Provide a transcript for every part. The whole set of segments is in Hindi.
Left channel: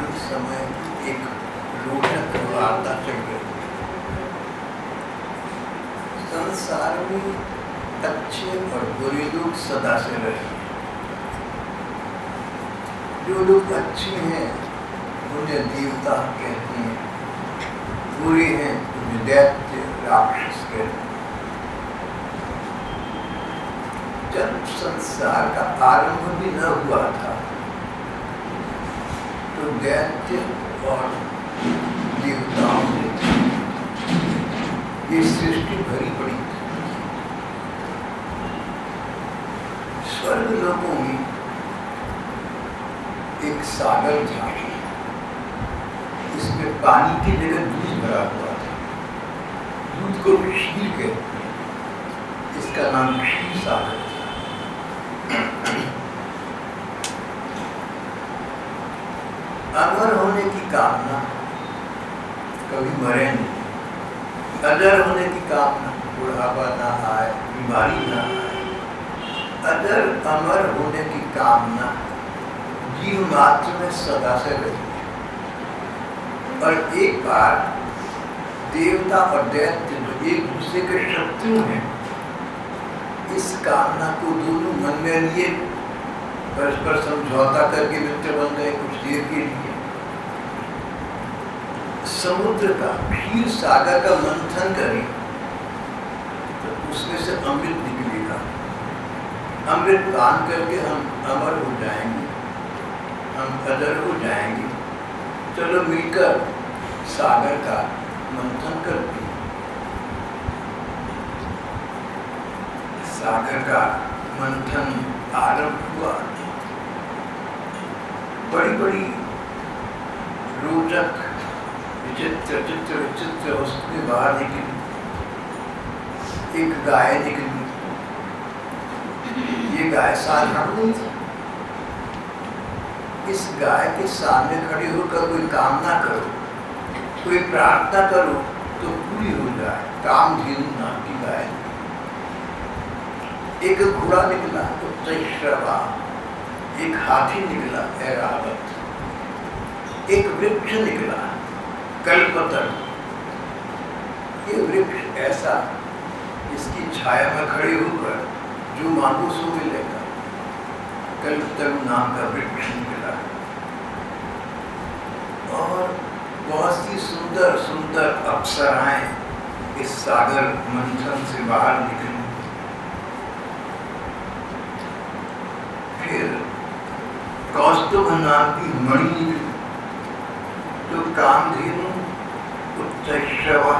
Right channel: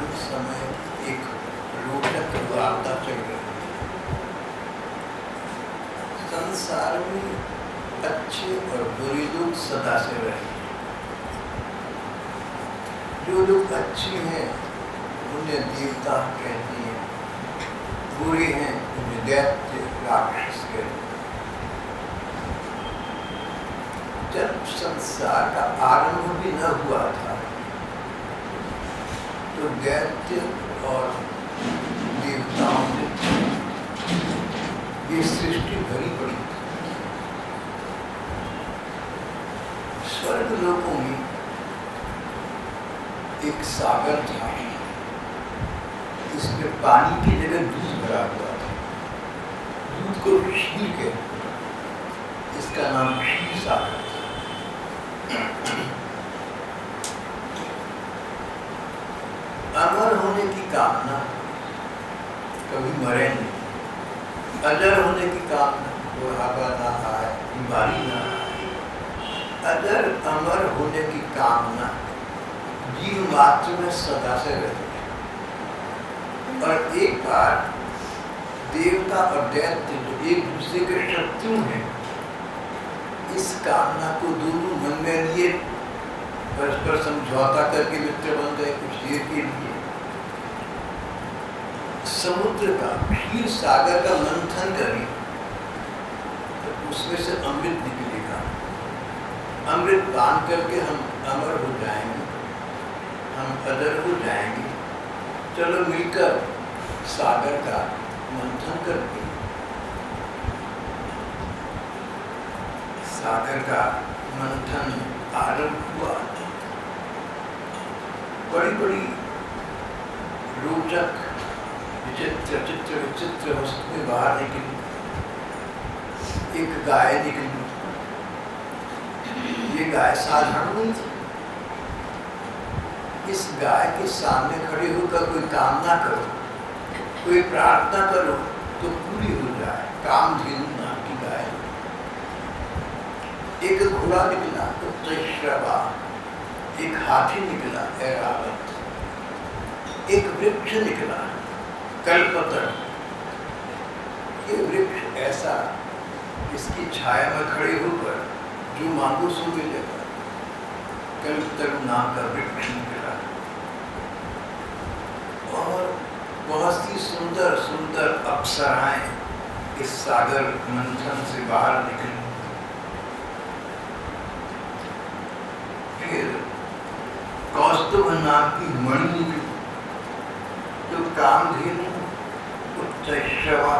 वर्तमान समय की एक रोचक वार्ता चल रही है। संसार में अच्छे और बुरे लोग सदा से रहे हैं। जो लोग अच्छे हैं उन्हें देवता कहते हैं, बुरे हैं उन्हें दैत्य राक्षस कहते हैं। जब संसार का आरंभ भी न हुआ था तो दैत्य और देवताओं में ये सृष्टि भरी पड़ी थी। स्वर्ग लोकों में एक सागर था, इसमें पानी की जगह दूध भरा हुआ था। दूध को क्षीर कहते हैं, इसका नाम क्षीर सागर था। अमर होने की कामना, कभी मरे नहीं। अजर होने की कामना, बुढ़ापा ना आए, बीमारी ना आए। अजर अमर होने की कामना जीव मात्र में सदा से रही है। और एक बार देवता और दैत्य जो एक दूसरे के शत्रु हैं, इस कामना को दोनों मन में लिए परस्पर समझौता करके मित्र बन गए कुछ देर के लिए। समुद्र का, क्षीर सागर का मंथन करें तो उसमें से अमृत निकलेगा। अमृत पान करके हम अमर हो जाएंगे, हम अजर हो जाएंगे। चलो मिलकर सागर का मंथन करते हैं। सागर का मंथन आरंभ हुआ। बड़ी बड़ी रोचक विचित्र वस्तुएं बाहर निकली। एक गाय निकली। ये गाय साधारण नहीं थी। इस गाय के सामने खड़े होकर कोई कामना करो, कोई प्रार्थना करो तो पूरी हो जाए। कामधेनु नाम की गाय। एक घोड़ा निकला उच्चैश्रवा, एक हाथी निकला ऐरावत, एक वृक्ष निकला कल्पतरू। ये वृक्ष ऐसा, इसकी छाया में खड़े होकर जो मांगो सो मिलेगा। कल्पतरू नाम का वृक्ष निकला। और बहुत सी सुंदर सुंदर अप्सराएं इस सागर मंथन से बाहर निकली। फिर कौस्तुभ नाम की मणि निकली, जो कामधेनु उच्चैश्रवा,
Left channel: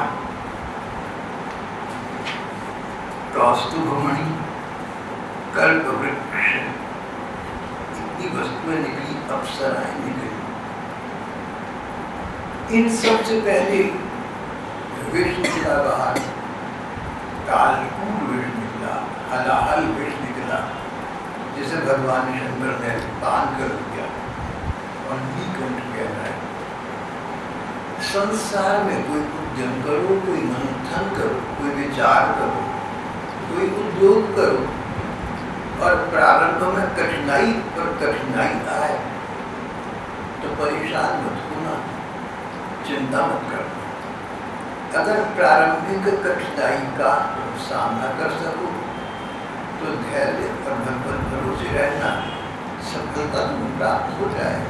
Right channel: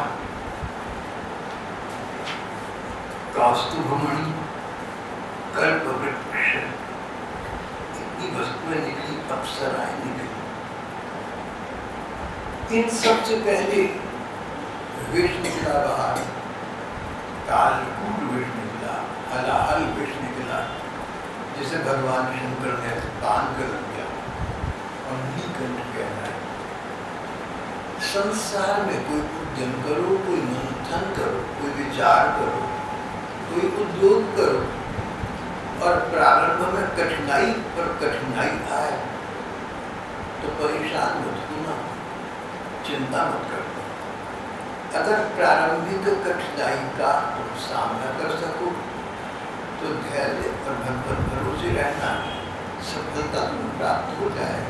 कौस्तुभमणि, कल्प वृक्ष, इतनी वस्तुएं निकली, अप्सराएं निकली। इन सबसे पहले विष निकला बाहर। कालकूट विष निकला, हलाहल विष निकला, जिसे भगवान शंकर ने पान कर दिया और नीलकंठ कहना है। संसार में कोई उद्यम करो, कोई मंथन करो, कोई विचार करो, कोई उद्योग करो और प्रारंभ में कठिनाई पर कठिनाई आए तो परेशान मत होना, चिंता मत करना। अगर प्रारंभिक कठिनाई का तुम सामना कर सको तो धैर्य और भगवत भरोसे रहना, सफलता तुम्हें प्राप्त हो जाए।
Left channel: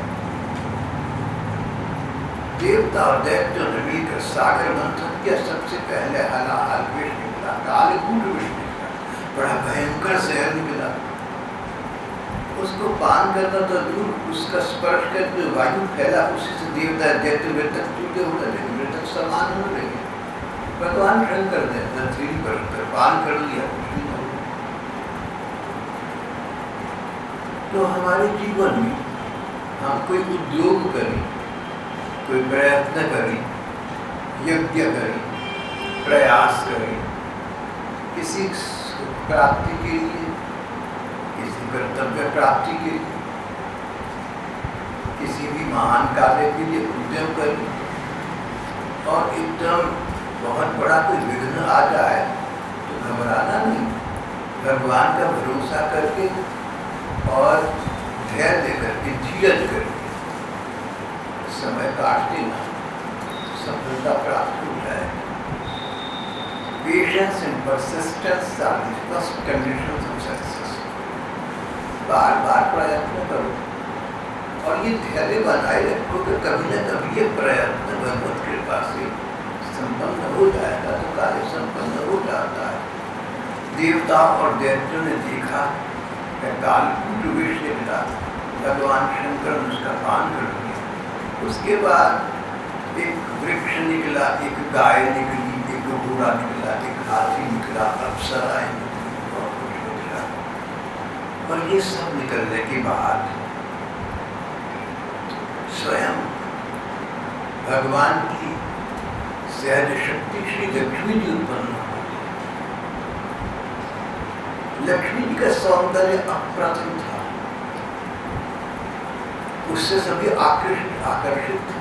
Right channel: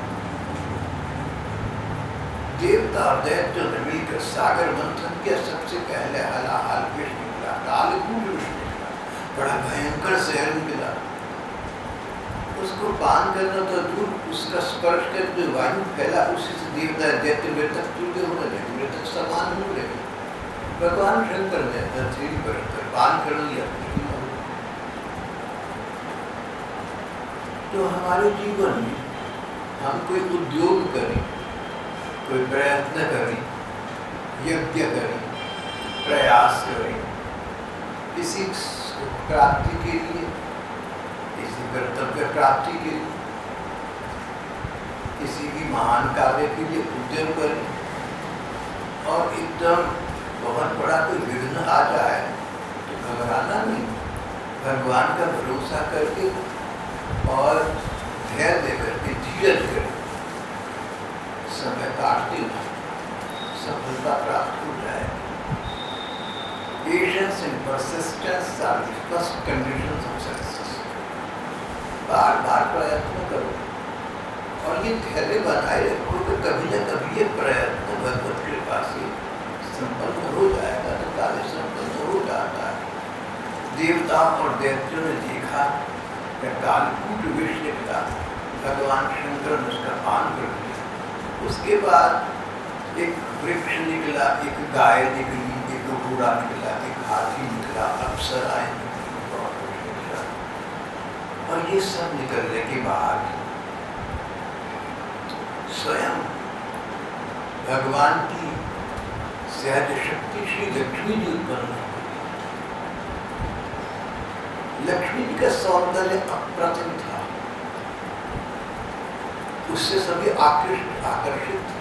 देवता और दैत्यों ने मिलकर सागर मंथन किया। सबसे पहले हलाहल विष निकला, कालकूट विष निकला, बड़ा भयंकर जहर निकला। उसको पान करना तो दूर, उसका स्पर्श कर जो वायु फैला उसी से देवता दैत्य मृतक तुल्य होने लगे, मृतक समान होने लगे। भगवान शंकर ने हथेली पर रखकर पान कर लिया, कुछ नहीं हुआ। तो हमारे जीवन में हम कोई उद्योग करें, कोई प्रयत्न करें, यज्ञ करें, प्रयास करें, किसी प्राप्ति के लिए, किसी कर्तव्य प्राप्ति के लिए, किसी भी महान कार्य के लिए उद्यम करें और एकदम बहुत बड़ा कोई विघ्न आ जाए तो घबराना नहीं, भगवान का भरोसा करके और धैर्य करके, धीरज करके समय काट देना, सफलता प्राप्त हो जाएगी। Patience and persistence are the first conditions of success. बार बार प्रयत्न करो और ये धैर्य बनाए रखो कि कभी न कभी ये प्रयत्न भगवत कृपा से संपन्न हो जाएगा, तो कार्य संपन्न हो जाता है। देवता और दैत्यों ने देखा कि कालकूट विष निकला, भगवान शंकर ने उसका पान कर दिया। उसके बाद एक वृक्ष निकला, एक गाय निकली, एक घोड़ा निकला, एक हाथी निकला, अप्सराएं निकली, बहुत कुछ निकला। और ये सब निकलने के बाद स्वयं भगवान की सहज शक्ति श्री लक्ष्मी जी उत्पन्न हो। लक्ष्मी जी का सौंदर्य अप्रतिम था, उससे सभी आकर्षित थे।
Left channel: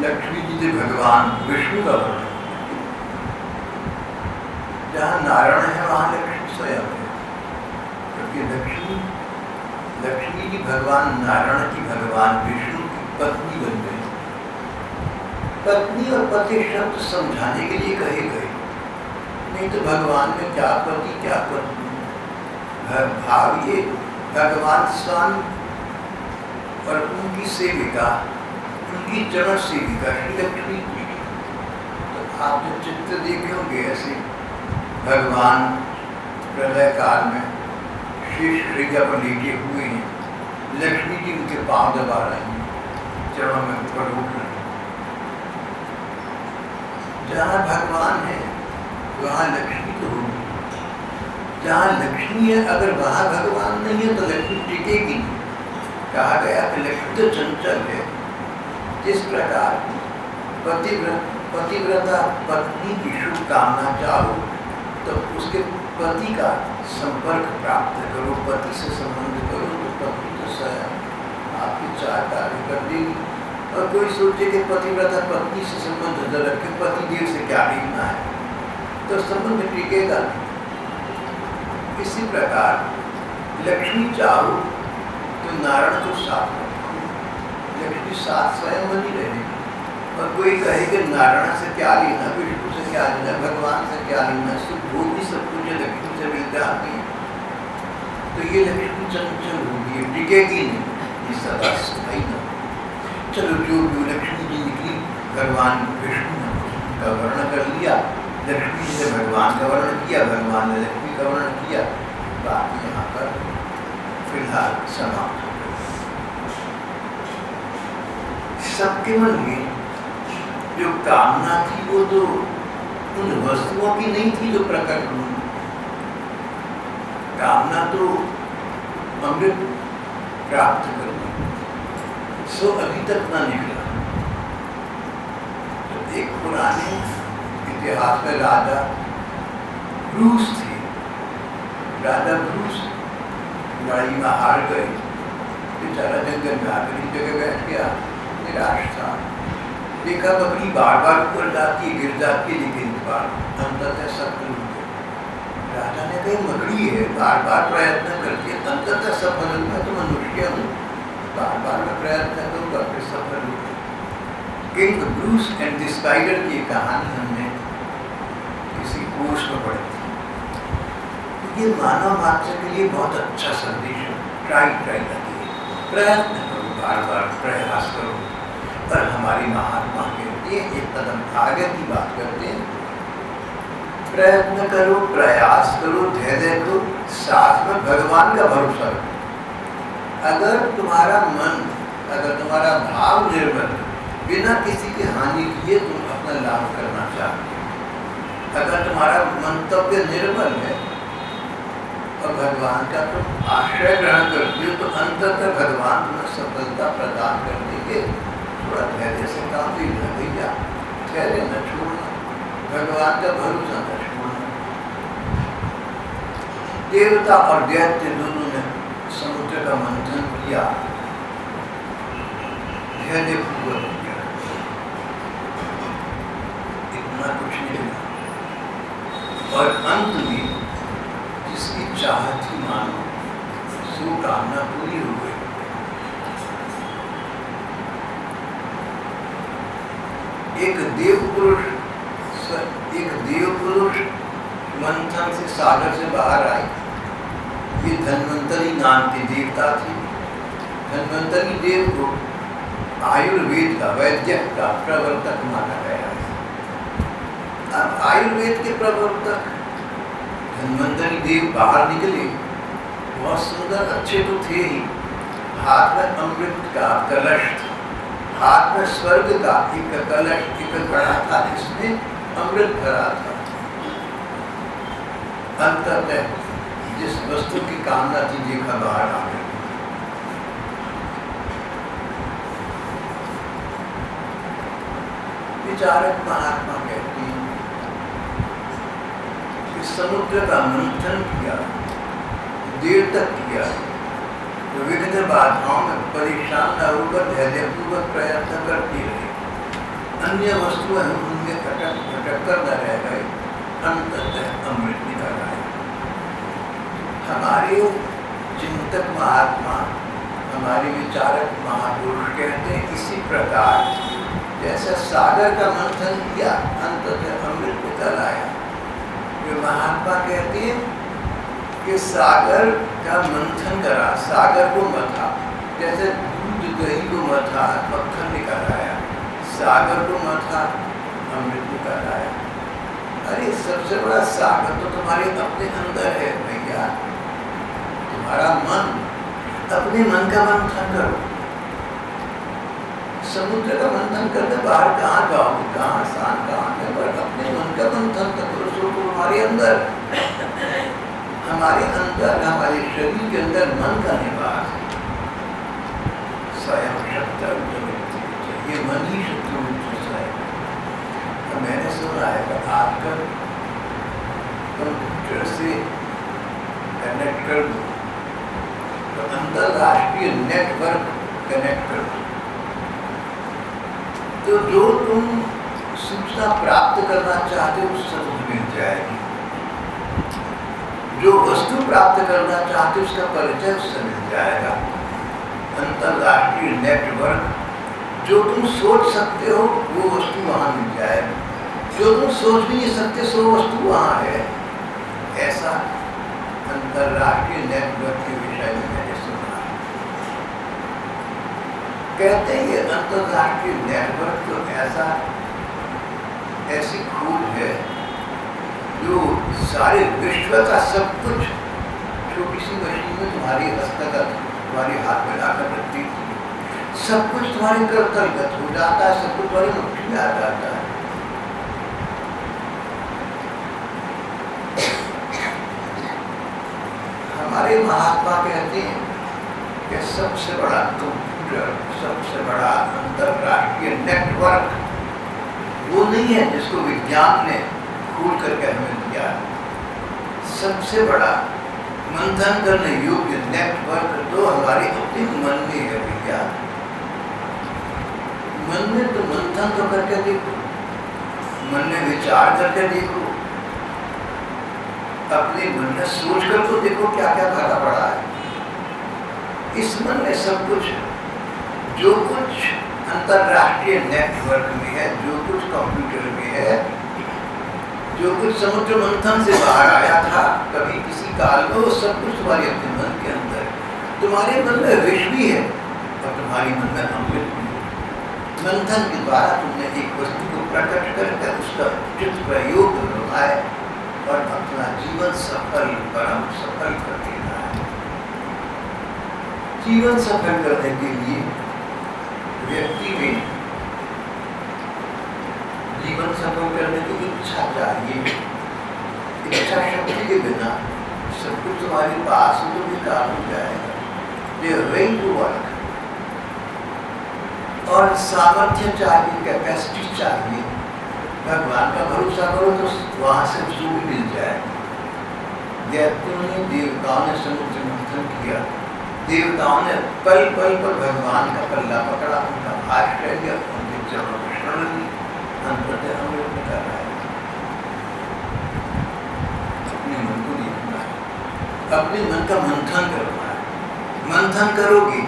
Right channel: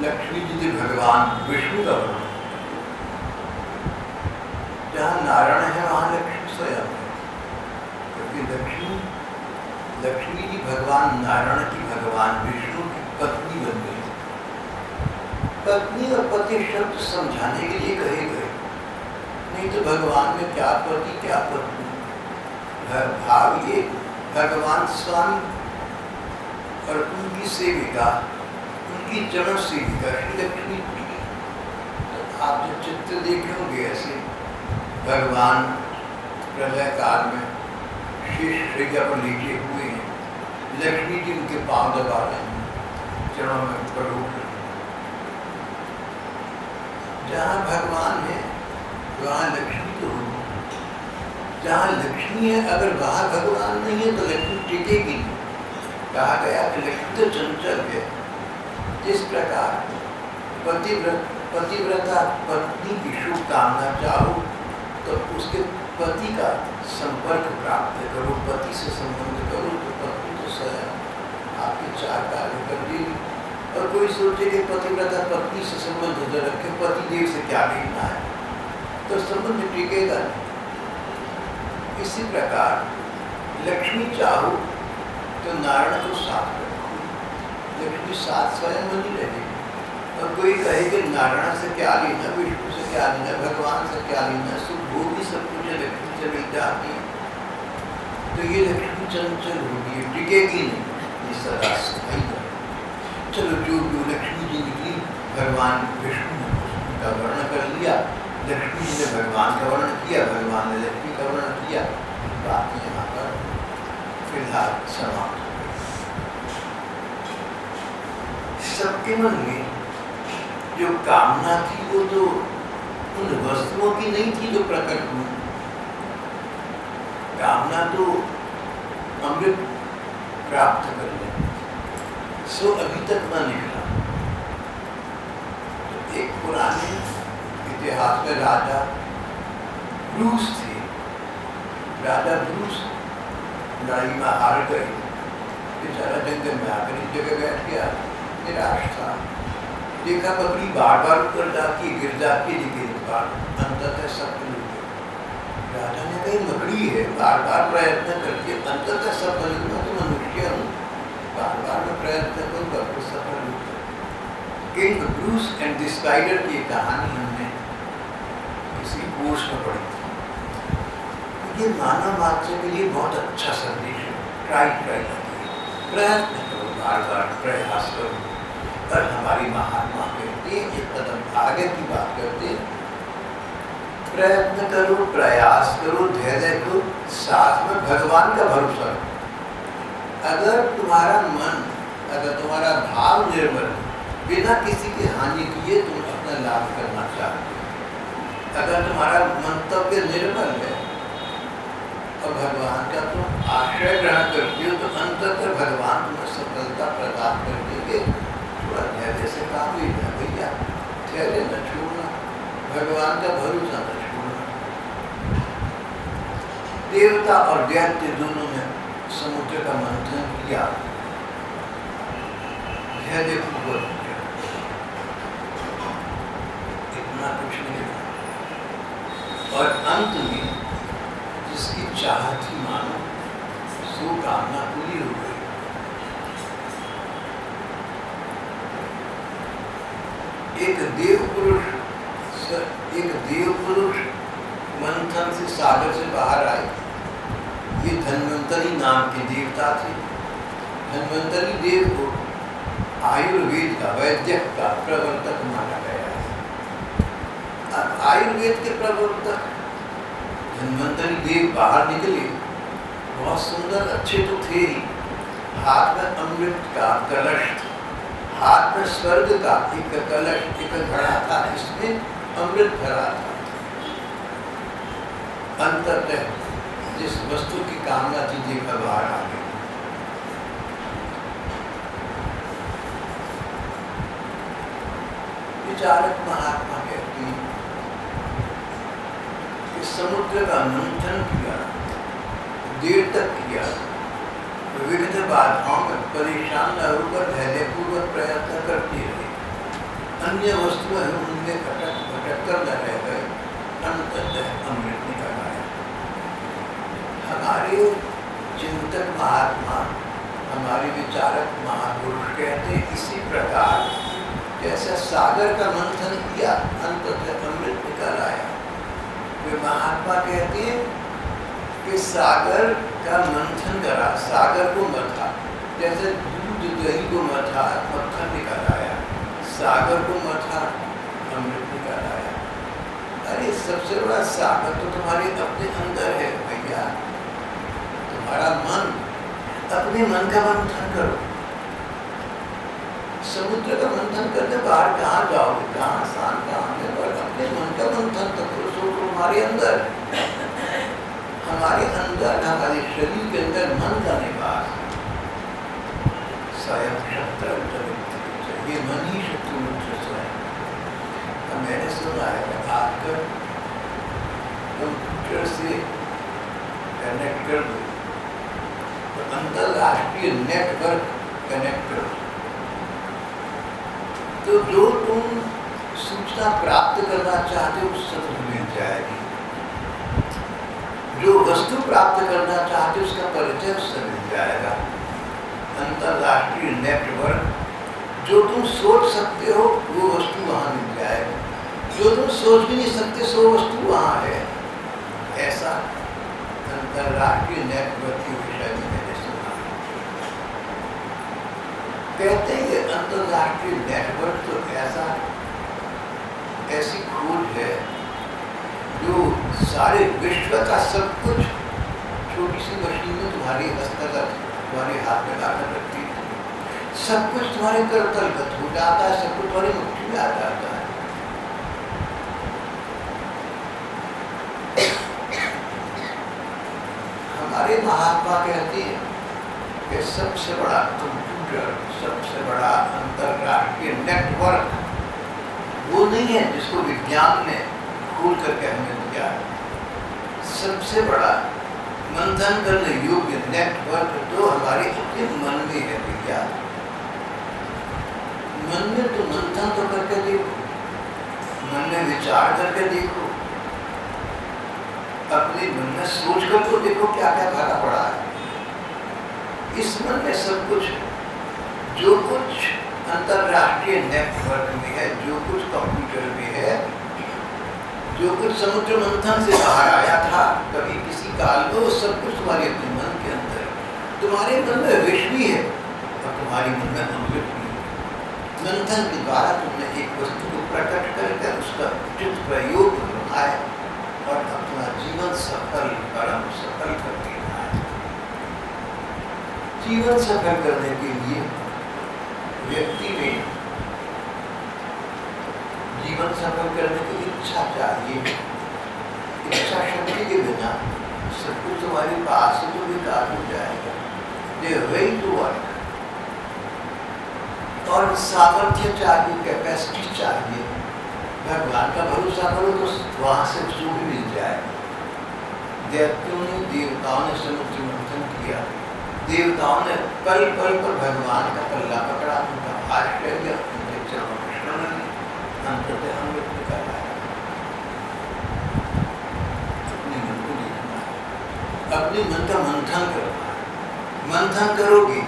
लक्ष्मी जी थे भगवान विष्णु का वर्णन। जहाँ नारायण है वहाँ लक्ष्मी स्वयं है, क्योंकि लक्ष्मी जी भगवान नारायण की, भगवान विष्णु की पत्नी बन गई। पत्नी और पति शब्द समझाने के लिए कहे गए, नहीं तो भगवान में क्या पति क्या पत्नी। भाव ये भगवान स्वामी और उनकी सेविका, उनकी चरण सेविका श्री लक्ष्मी जी। तो आप जो चित्र देखे होंगे ऐसे भगवान प्रलय काल में शेष शैया पर लेटे हुए हैं, लक्ष्मी जी उनके पांव दबा रहे हैं, चरणों में ऊपर उठ रहे हैं। जहाँ भगवान है वहाँ लक्ष्मी तो होगी, जहाँ लक्ष्मी है अगर वहाँ भगवान नहीं है तो लक्ष्मी टिकेगी नहीं। कहा गया कि लक्ष्मी तो चंचल है। जिस प्रकार पतिव्रता पत्नी की शुभ कामना चाहो तो उसके पति का संपर्क प्राप्त करो, पति से संबंध करो, तो पत्नी तो स्वयं आपके चार कार्य कर देगी। और कोई सोचे कि पतिव्रता पत्नी से संबंध न रखे, पति देव से क्या लेना है, तो संबंध टिकेगा नहीं। इसी प्रकार लक्ष्मी चाहो तो नारायण को साथ रखो, लक्ष्मी साथ स्वयं बनी रहेगी। और कोई कहे कि नारायण से क्या लेना, विष्णु से क्या लेना, भगवान से क्या लेना, सुख भोग भी सब कुछ लक्ष्मी से मिल जाती है, तो ये लक्ष्मी चंचल होगी, टिकेगी नहीं, ये सदा स्थायी न हो। चलो जो लक्ष्मी जी निकली, भगवान विष्णु ने उनका वर्णन कर लिया, लक्ष्मी जी ने भगवान का वर्णन किया, भगवान ने लक्ष्मी का वर्णन किया। बात यहाँ पर फिलहाल समाप्त हो गई। सबके मन में जो कामना थी वो तो उन वस्तुओं की नहीं थी जो प्रकट हुई। कामना तो अमृत प्राप्त करने की, सो अभी तक न निकला। तो एक पुराने इतिहास में राजा ब्रूस थे। राजा ब्रूस लड़ाई में हार गए, बेचारा जंगल में आकर एक जगह बैठ गया, निराश था। देखा बकरी बार बार ऊपर जाती है, गिर जाती है, लेकिन इस बार अंततः सफल हो गई। राजा ने कही मकड़ी है, बार बार प्रयत्न करती है, अंततः सफल हो। मैं तो मनुष्य हूँ, बार बार मैं प्रयत्न करूँगा फिर सफल हो। King Bruce and the spider की कहानी हमने किसी कोर्स में पढ़ी थी। तो ये मानव मात्र के लिए बहुत अच्छा संदेश है। ट्राई लगती है, प्रयत्न करो, बार बार प्रयास करो। पर हमारी महात्मा कहते हैं, एक कदम आगे की बात करते हैं, प्रयत्न करो, प्रयास करो, धैर्य करो, साथ में भगवान का भरोसा रखो। अगर तुम्हारा मन, अगर तुम्हारा भाव निर्मल, बिना किसी की हानि किए तुम अपना लाभ करना चाहते हो, अगर तुम्हारा मंतव्य निर्मल है और भगवान का तुम आश्रय ग्रहण करते हो, तो अंततः भगवान तुम्हें सफलता प्रदान कर देंगे। थोड़ा धैर्य से काम लेना भैया, धैर्य न छोड़ना, भगवान का भरोसा न छोड़ना। देवता और दैत्य दोनों ने समुद्र का मंथन किया, धैर्य पूर्वक किया, इतना कुछ नहीं मिला। और अंत में जिसकी चाहत थी मानो, सो कामना पूरी हो गई। एक देव पुरुष मंथन से सागर से बाहर आए। ये धन्वंतरी नाम की देवता थी। धन्वंतरी देव को आयुर्वेद का, वैद्यक का प्रवर्तक माना गया है। अब आयुर्वेद के प्रवर्तक धन्वंतरी देव बाहर निकले, बहुत सुंदर अच्छे तो थे ही, हाथ में अमृत का कलश था, हाथ में स्वर्ग का एक कलश, एक घड़ा था, इसमें अमृत भरा था। अंततः जिस वस्तु की कामना थी देखा बाहर आ गई। विचारक महात्मा कहते हैं कि समुद्र का मंथन किया, देर तक किया, तो विघ्न बाधाओं में परेशान न होकर धैर्यपूर्वक प्रयत्न करते रहे। अन्य वस्तुएं उनमें भटक कर न रह गए, अंततः अमृत निकल आया। हमारे चिंतक महात्मा, हमारे विचारक महापुरुष कहते हैं इसी प्रकार जैसा सागर का मंथन किया, अंततः अमृत निकल आया। वे महात्मा कहते हैं कि सागर का मंथन करा, सागर को मथा, जैसे दूध दही को मथा, मक्खन निकल आया, सागर को मथा, अमृत निकल आया। अरे सबसे बड़ा सागर तो तुम्हारे अपने अंदर है भैया, तुम्हारा मन। अपने मन का मंथन करो। समुद्र का मंथन करने बाहर कहाँ जाओगे, कहाँ आसान कहाँ है, पर अपने मन का मंथन तो करो, सो तुम्हारे अंदर, हमारे अंदर, हमारे शरीर के अंदर मन का निवास है। स्वयं शत्रु ये मन ही शत्रु है। मैंने सुना है कि आजकल कंप्यूटर से कनेक्ट कर दो तो अंतरराष्ट्रीय नेटवर्क कनेक्ट कर दो, तो जो तुम सूचना प्राप्त करना चाहते हो उससे तुम्हें मिल जाएगी। जो वस्तु प्राप्त करना चाहते हो उसका परिचय उससे मिल जाएगा। अंतरराष्ट्रीय नेटवर्क, जो तुम सोच सकते हो वो वस्तु वहाँ मिल जाएगी, जो तुम सोच भी नहीं सकते सो वस्तु वहाँ है। ऐसा अंतरराष्ट्रीय नेटवर्क के विषय में मैंने सुना है। कहते हैं ये अंतरराष्ट्रीय नेटवर्क तो ऐसी खोज है जो सारे विश्व का सब कुछ छोटी सी मशीन में तुम्हारी हस्तगत, तुम्हारे हाथ में लाकर रखती है। सब कुछ तुम्हारे करतलगत हो जाता है, सब कुछ तुम्हारी मुट्ठी में आ जाता है। हमारे महात्मा कहते हैं कि सबसे बड़ा कंप्यूटर, सबसे बड़ा अंतरराष्ट्रीय नेटवर्क वो नहीं है जिसको विज्ञान ने खोल करके हमें दिया। सबसे बड़ा मंथन करने योग्य नेटवर्क तो हमारे अपने मन में है भैया। मन में तो मंथन तो करके देखो, मन में विचार करके देखो, अपने मन में सोच कर तो देखो क्या क्या भरा पड़ा है। इस मन में सब कुछ है, जो कुछ अंतरराष्ट्रीय नेटवर्क में है, जो कुछ कंप्यूटर में है, जो कुछ समुद्र मंथन से बाहर आया था कभी किसी काल में, वो सब कुछ तुम्हारे अपने मन के अंदर है। तुम्हारे मन में विष भी है और तुम्हारे मन में अमृत भी है। मंथन के द्वारा तुमने एक वस्तु को प्रकट करके उसका उचित प्रयोग बनाए और अपना जीवन सफल, परम सफल कर देना है। जीवन सफल करने के लिए व्यक्ति में जीवन सफल करने की इच्छा चाहिए। इच्छा शक्ति के बिना सब कुछ तुम्हारे पास तो बेकार हो जाएगा। दे विल टू वर्क, और सामर्थ्य चाहिए, कैपेसिटी चाहिए। भगवान का भरोसा करो तो वहाँ से उसको भी मिल जाएगा। देवताओं ने समुद्र मंथन किया, देवताओं ने पल पल पर भगवान का पल्ला पकड़ा, उनका आश्रय लिया, उनके चरणों को शरण लिया, अंततः अमृत निकल आया। अपने मन को देखना है, अपने मन का मंथन करना है। मंथन करोगे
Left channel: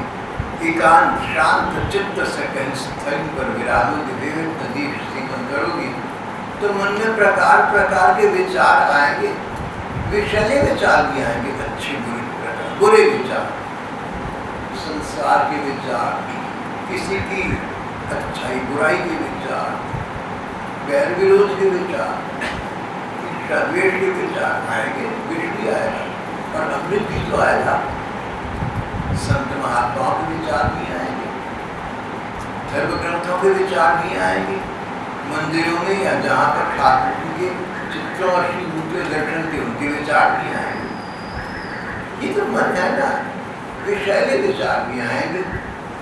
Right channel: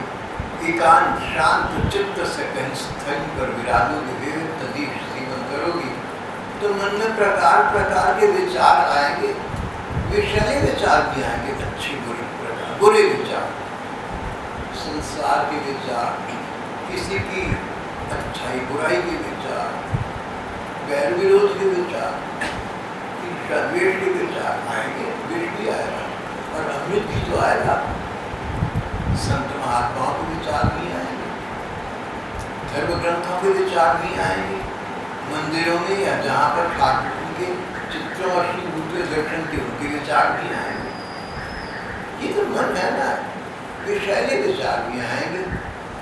एकांत शांत चित्त से कहीं स्थल पर विराजोगे, विविध देश से करोगे तो मन में प्रकार प्रकार के विचार आएंगे, विषैले विचार भी आएंगे, अच्छे बुरे प्रकार, बुरे विचार, संसार के विचार, किसी की अच्छाई बुराई के विचार, बैर विरोध के विचार, ईर्ष्या द्वेष के विचार आएंगे, विष भी आएगा और अमृत भी तो आएगा। संत महात्माओं के विचार भी आएंगे, धर्म ग्रंथों के विचार भी आएंगे, मंदिरों में या जहाँ पर ठाकुर जी के चित्रों और श्री मूर्ति दर्शन के उनके विचार भी आएंगे। ये तो मन है ना, विषैले विचार भी आएंगे,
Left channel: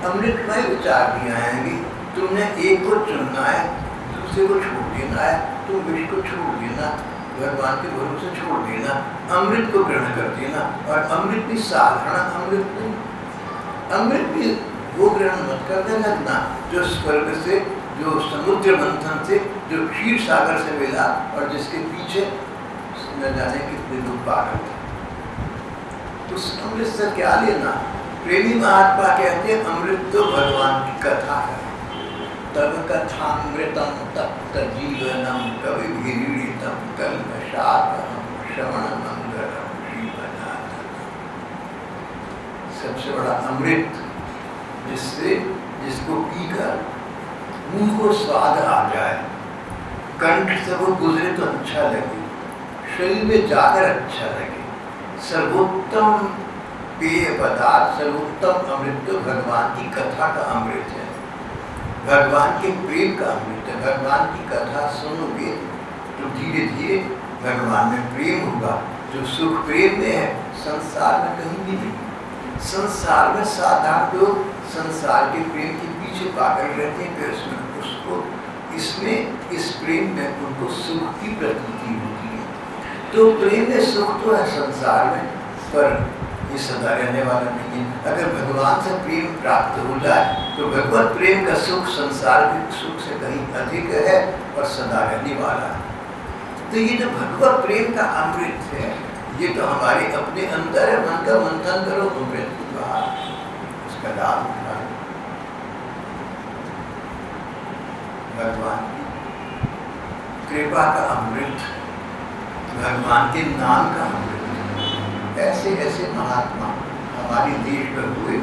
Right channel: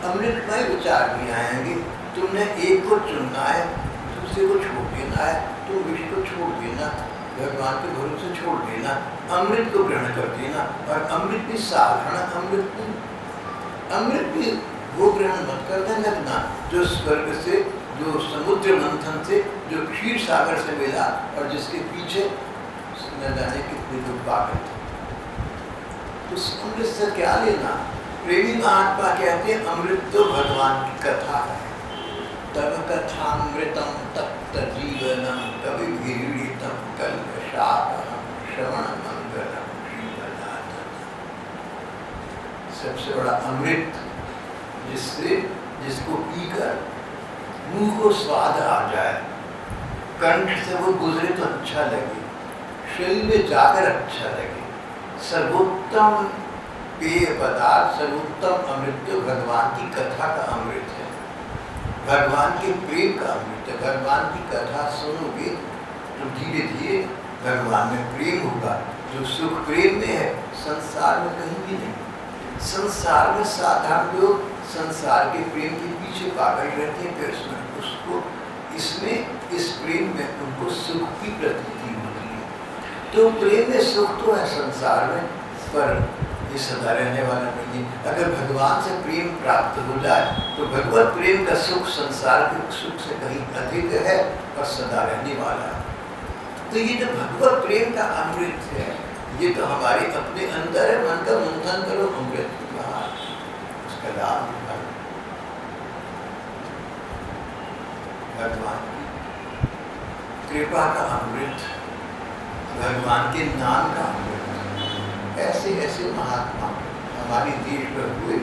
अमृतमय विचार भी आएंगे। तुमने एक को चुनना है, दूसरे को छोड़ देना है, तुम विष को छोड़ देना, भगवान के भरोसे छोड़ देना, अमृत को ग्रहण कर देना। और अमृत भी साधारण अमृत नहीं, अमृत भी वो ग्रहण मत करने लगना जो स्वर्ग से, जो समुद्र मंथन से, जो क्षीर सागर से मिला और जिसके पीछे न जाने कितने लोग पागल थे। तो अमृत से क्या लेना? प्रेमी महात्मा कहते हैं अमृत तो भगवान की कथा है। तब कथामृतम तप्त जीवनम कवि भिरीडितम कल्मषापहम श्रवण मंगलम जीवनाथ। सबसे बड़ा अमृत जिसको पीकर मुंह को स्वाद आ जाए, कंठ से वो गुजरे तो अच्छा लगे, शरीर में जाकर अच्छा लगे। सर्वोत्तम पेय पदार्थ, सर्वोत्तम अमृत तो भगवान की कथा का अमृत है, भगवान के प्रेम का अमृत है। भगवान की कथा सुनोगे तो धीरे धीरे भगवान में प्रेम होगा। जो सुख प्रेम में है संसार में कहीं भी नहीं। संसार में साधारण लोग संसार के प्रेम के पीछे पागल रहते हैं, फिर उसमें उसको इसमें इस प्रेम में उनको सुख की प्रतीति होती है। तो प्रेम में सुख तो है संसार में, पर ये सदा रहने वाला नहीं है। अगर भगवान से प्रेम प्राप्त हो जाए तो भगवत प्रेम का सुख संसार के सुख से कहीं अधिक है और सदा रहने वाला है। तो ये जो भगवत प्रेम का अमृत है, ये तो हमारे अपने अंदर है। मन का मंथन करो, अमृत की बाहर, उसका लाभ उठाओ। भगवान की कृपा का अमृत, भगवान के नाम का अमृत। ऐसे ऐसे महात्मा हमारे देश में हुए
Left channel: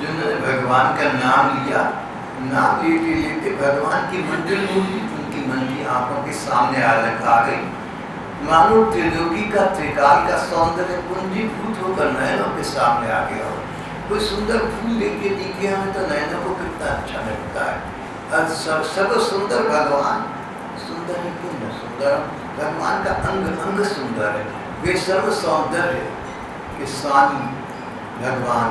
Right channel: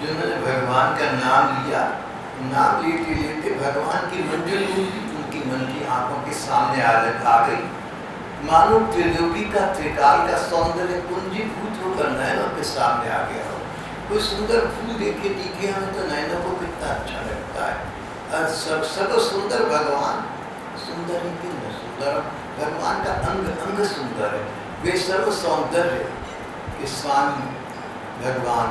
जिन्होंने भगवान का नाम लिया। नाम लेते लेते भगवान की मंदिर मूर्ति उनकी मन की आंखों के सामने आ गई। मानो त्रिलोकी का त्रिकाल का सौंदर्य पूंजीभूत होकर नयनों के सामने आ गया हो। कोई सुंदर फूल देखे हमें तो नयनों को कितना अच्छा लगता है। और सब सुंदर भगवान, सुंदर है कि न सुंदर, भगवान का अंग अंग सुंदर है। वे सर्व सौंदर्य के स्वामी भगवान,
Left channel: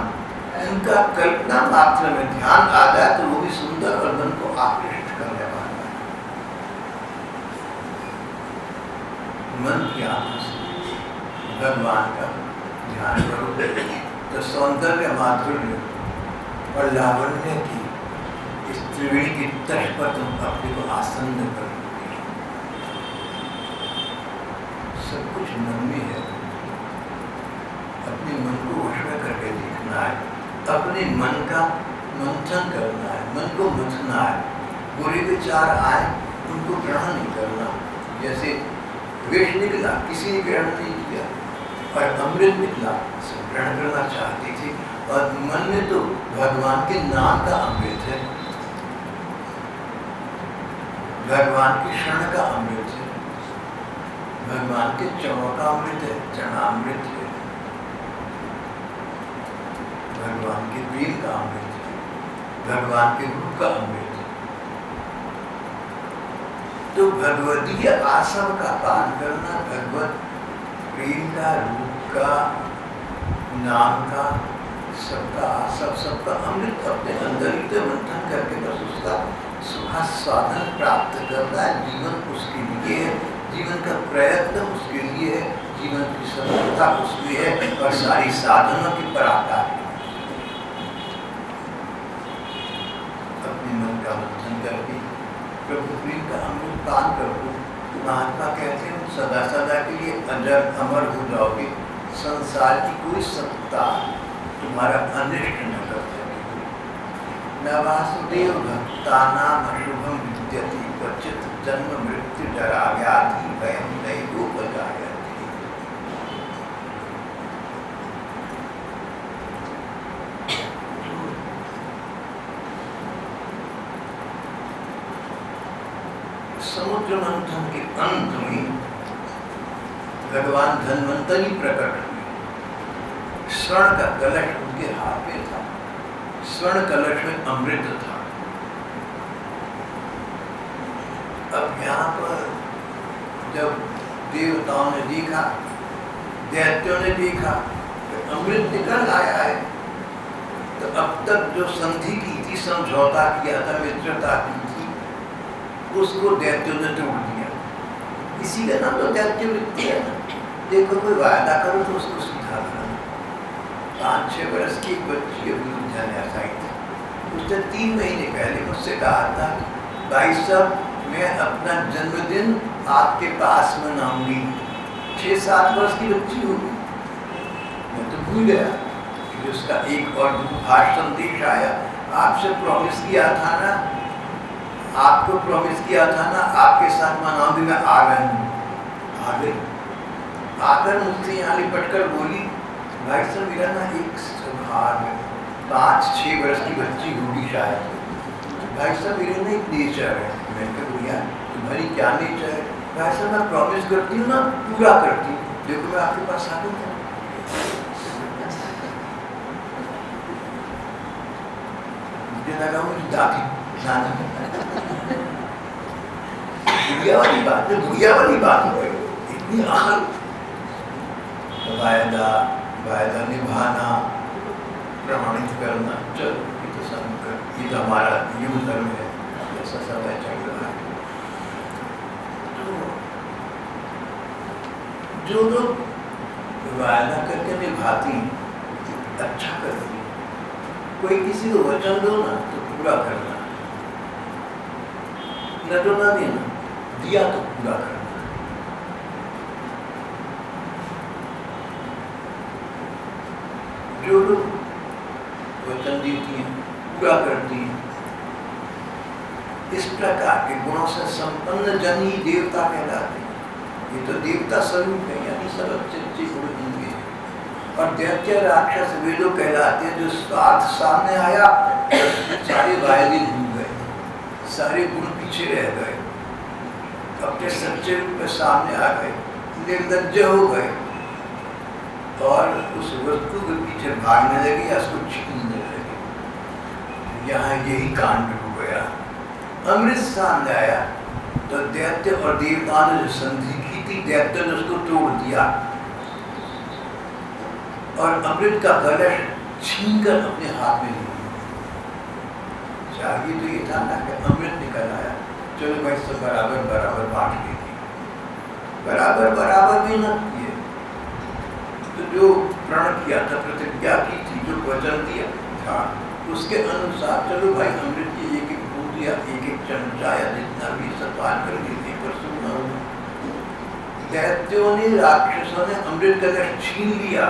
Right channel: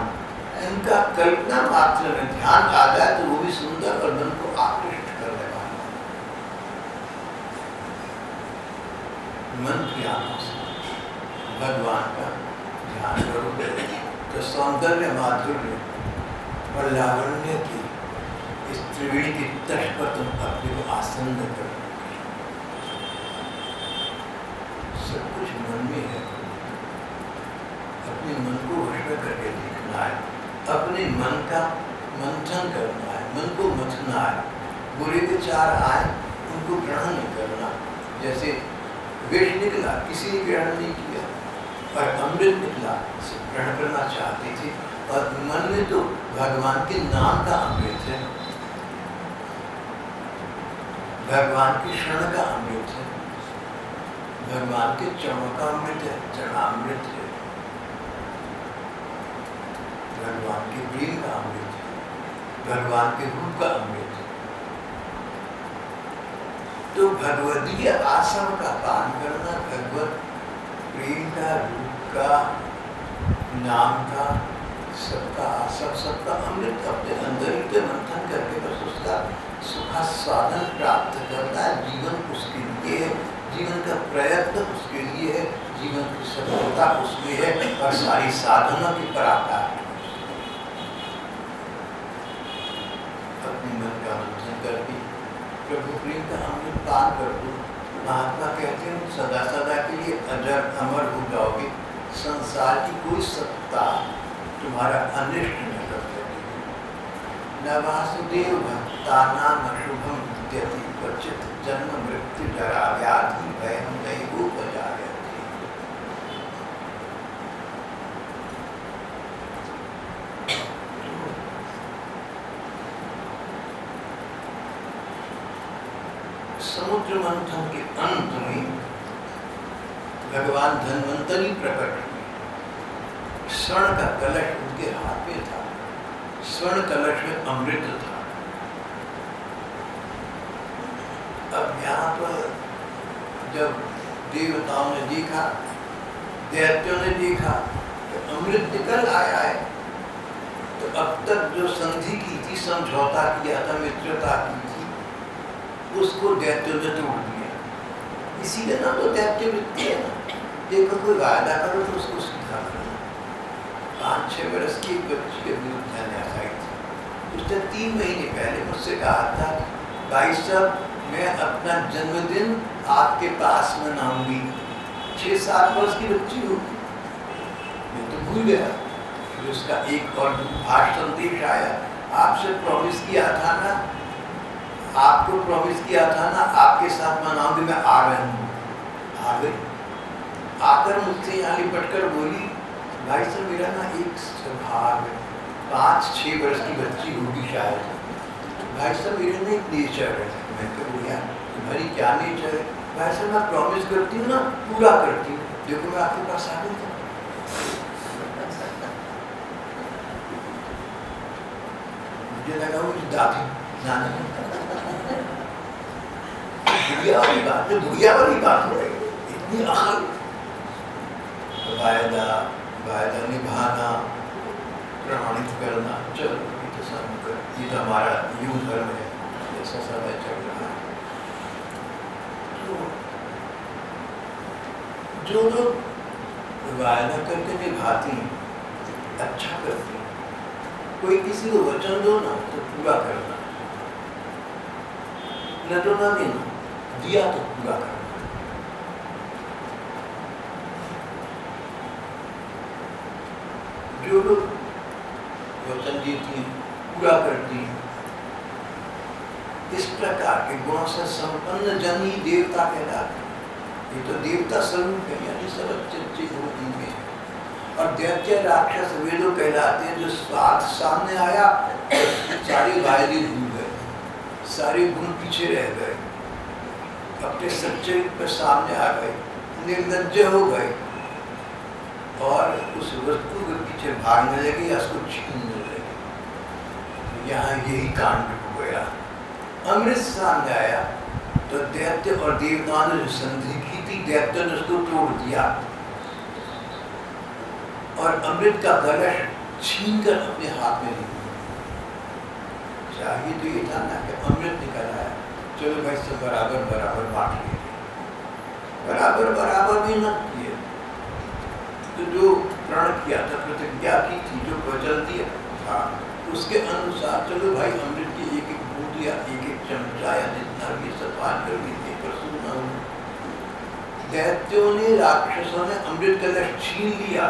उनका कल्पना मात्र में ध्यान आ जाए तो वो भी सुंदर और मन को आकृष्ट करने वाला है। मन की आंखों से भगवान का ध्यान करो तो सौंदर्य, माधुर्य और लावण्य की इस त्रिवेणी की तट पर तुम अपने को आसन्न कर लोगे। सब कुछ मन में है। अपने मन को वश में करके देखना है, अपने मन का मंथन करना है, मन को मथना है। बुरे विचार आए उनको ग्रहण नहीं करना। जैसे विष निकला, किसी ने ग्रहण नहीं किया, और अमृत निकला, सब ग्रहण करना चाहते थे। और मन में तो भगवान के नाम का अमृत है, भगवान की शरण का अमृत है, भगवान के चरणों का अमृत है, चरणामृत है, भगवान के प्रेम का अमृत है, भगवान के रूप का अमृत है। तो भगवदीय आसम का पान करना, भगवत प्रेम का, रूप का, नाम का, सबका अमृत अपने अंदर ही मंथन करके बस उसका सुखास्वादन प्राप्त करना है। जीवन उसके लिए है, जीवन का प्रयत्न उसके लिए है, जीवन की सफलता उसमें है, और सारी साधनों की पराकाष्ठा। अपने मन का मंथन करके प्रभु प्रेम का अमृत पान करो। महात्मा कहते हैं सदा सदा के लिए अजर अमर हो जाओगे। संसार की कोई सत्ता तुम्हारा अनिष्ट न कर सकेगी। न वासुदेव भक्तानां अशुभम विद्यति क्वचित जन्म मृत्यु जरा व्याधि भयं नैवोपजायते। समुद्र मंथन के अंत में भगवान धन्वंतरी प्रकट हुए। स्वर्ण का कलश उनके हाथ में था, स्वर्ण कलश में अमृत था। अब यहाँ पर जब देवताओं ने देखा, दैत्यों ने देखा कि अमृत निकल आया है, तो अब तक जो संधि की थी, समझौता किया था, मित्रता की थी, उसको दैत्यों ने तोड़ दिया। इसीलिए ना तो दैत्य वृत्ति है ना, देखो कोई वायदा करो तो उसको सुधारना। 5-6 वर्ष की एक बच्ची अयोध्या आई थी, उसने 3 महीने पहले मुझसे कहा था, भाई साहब मैं अपना जन्मदिन आपके पास मनाऊंगी। 6-7 वर्ष की बच्ची होगी, मैं तो भूल गया। फिर उसका एक और दूरभाष संदेश आया, आपसे प्रॉमिस किया था ना, आपको प्रॉमिस किया था ना, आपके साथ मनाऊंगी, मैं आ रही हूँ। आ गई, आकर मुझसे यहाँ लिपट कर बोली, भाई साहब मेरा ना एक स्वभाव है, 5-6 वर्ष की बच्ची होगी शायद, भाई साहब मेरे ना एक नेचर है। मैं कहूँ यार तुम्हारी क्या नेचर है? भाई साहब मैं प्रॉमिस करती हूँ ना, पूरा करती हूँ, देखो मैं आपके पास आ गई। मुझे लगा मुझे दादी नाना बुढ़िया वाली बात हो गई, इतनी अकल। वायदा निभाना, प्रमाणित करना, चलो ये तो सब, ये तो हमारा युग धर्म है, ऐसा समय चल रहा है। तो जो लोग वायदा करके निभाती हैं, अच्छा करती हैं, कोई किसी को वचन दो ना तो पूरा करना, न तो ना देना, दिया तो पूरा करना। जो लोग वचन देती हैं, पूरा करती हैं, इस प्रकार के गुणों से संपन्न जन ही देवता कहलाते हैं। ये तो देवता स्वरूप है, यानी सब अच्छे गुण इनमें हैं। और दैत्य राक्षस वे लोग कहलाते हैं जो स्वार्थ सामने आया तो सारे वायदे भूल गए, सारे गुण पीछे रह गए, अपने सच्चे रूप में सामने आ गए, निर्लज्ज हो गए और उस वस्तु के पीछे भागने लगे या उसको छीनने लगे। यहाँ यही कांड हो गया। अमृत सामने आया तो दैत्य और देवताओं ने जो संधि की थी, दैत्य ने उसको तोड़ दिया और अमृत का कलश छीनकर अपने हाथ में ले लिया। चाहिए तो ये था ना कि अमृत निकल आया, चलो भाई सब बराबर बराबर बांट लेते, बराबर बराबर भी न किए। तो जो प्रण किया था, प्रतिज्ञा की थी, जो वचन दिया था, उसके अनुसार चलो भाई अमृत की एक एक बूंद या एक एक चमचा या जितना भी सब पान कर लेते, पर सुनना होगा। दैत्यों ने, राक्षसों ने अमृत कलश छीन लिया।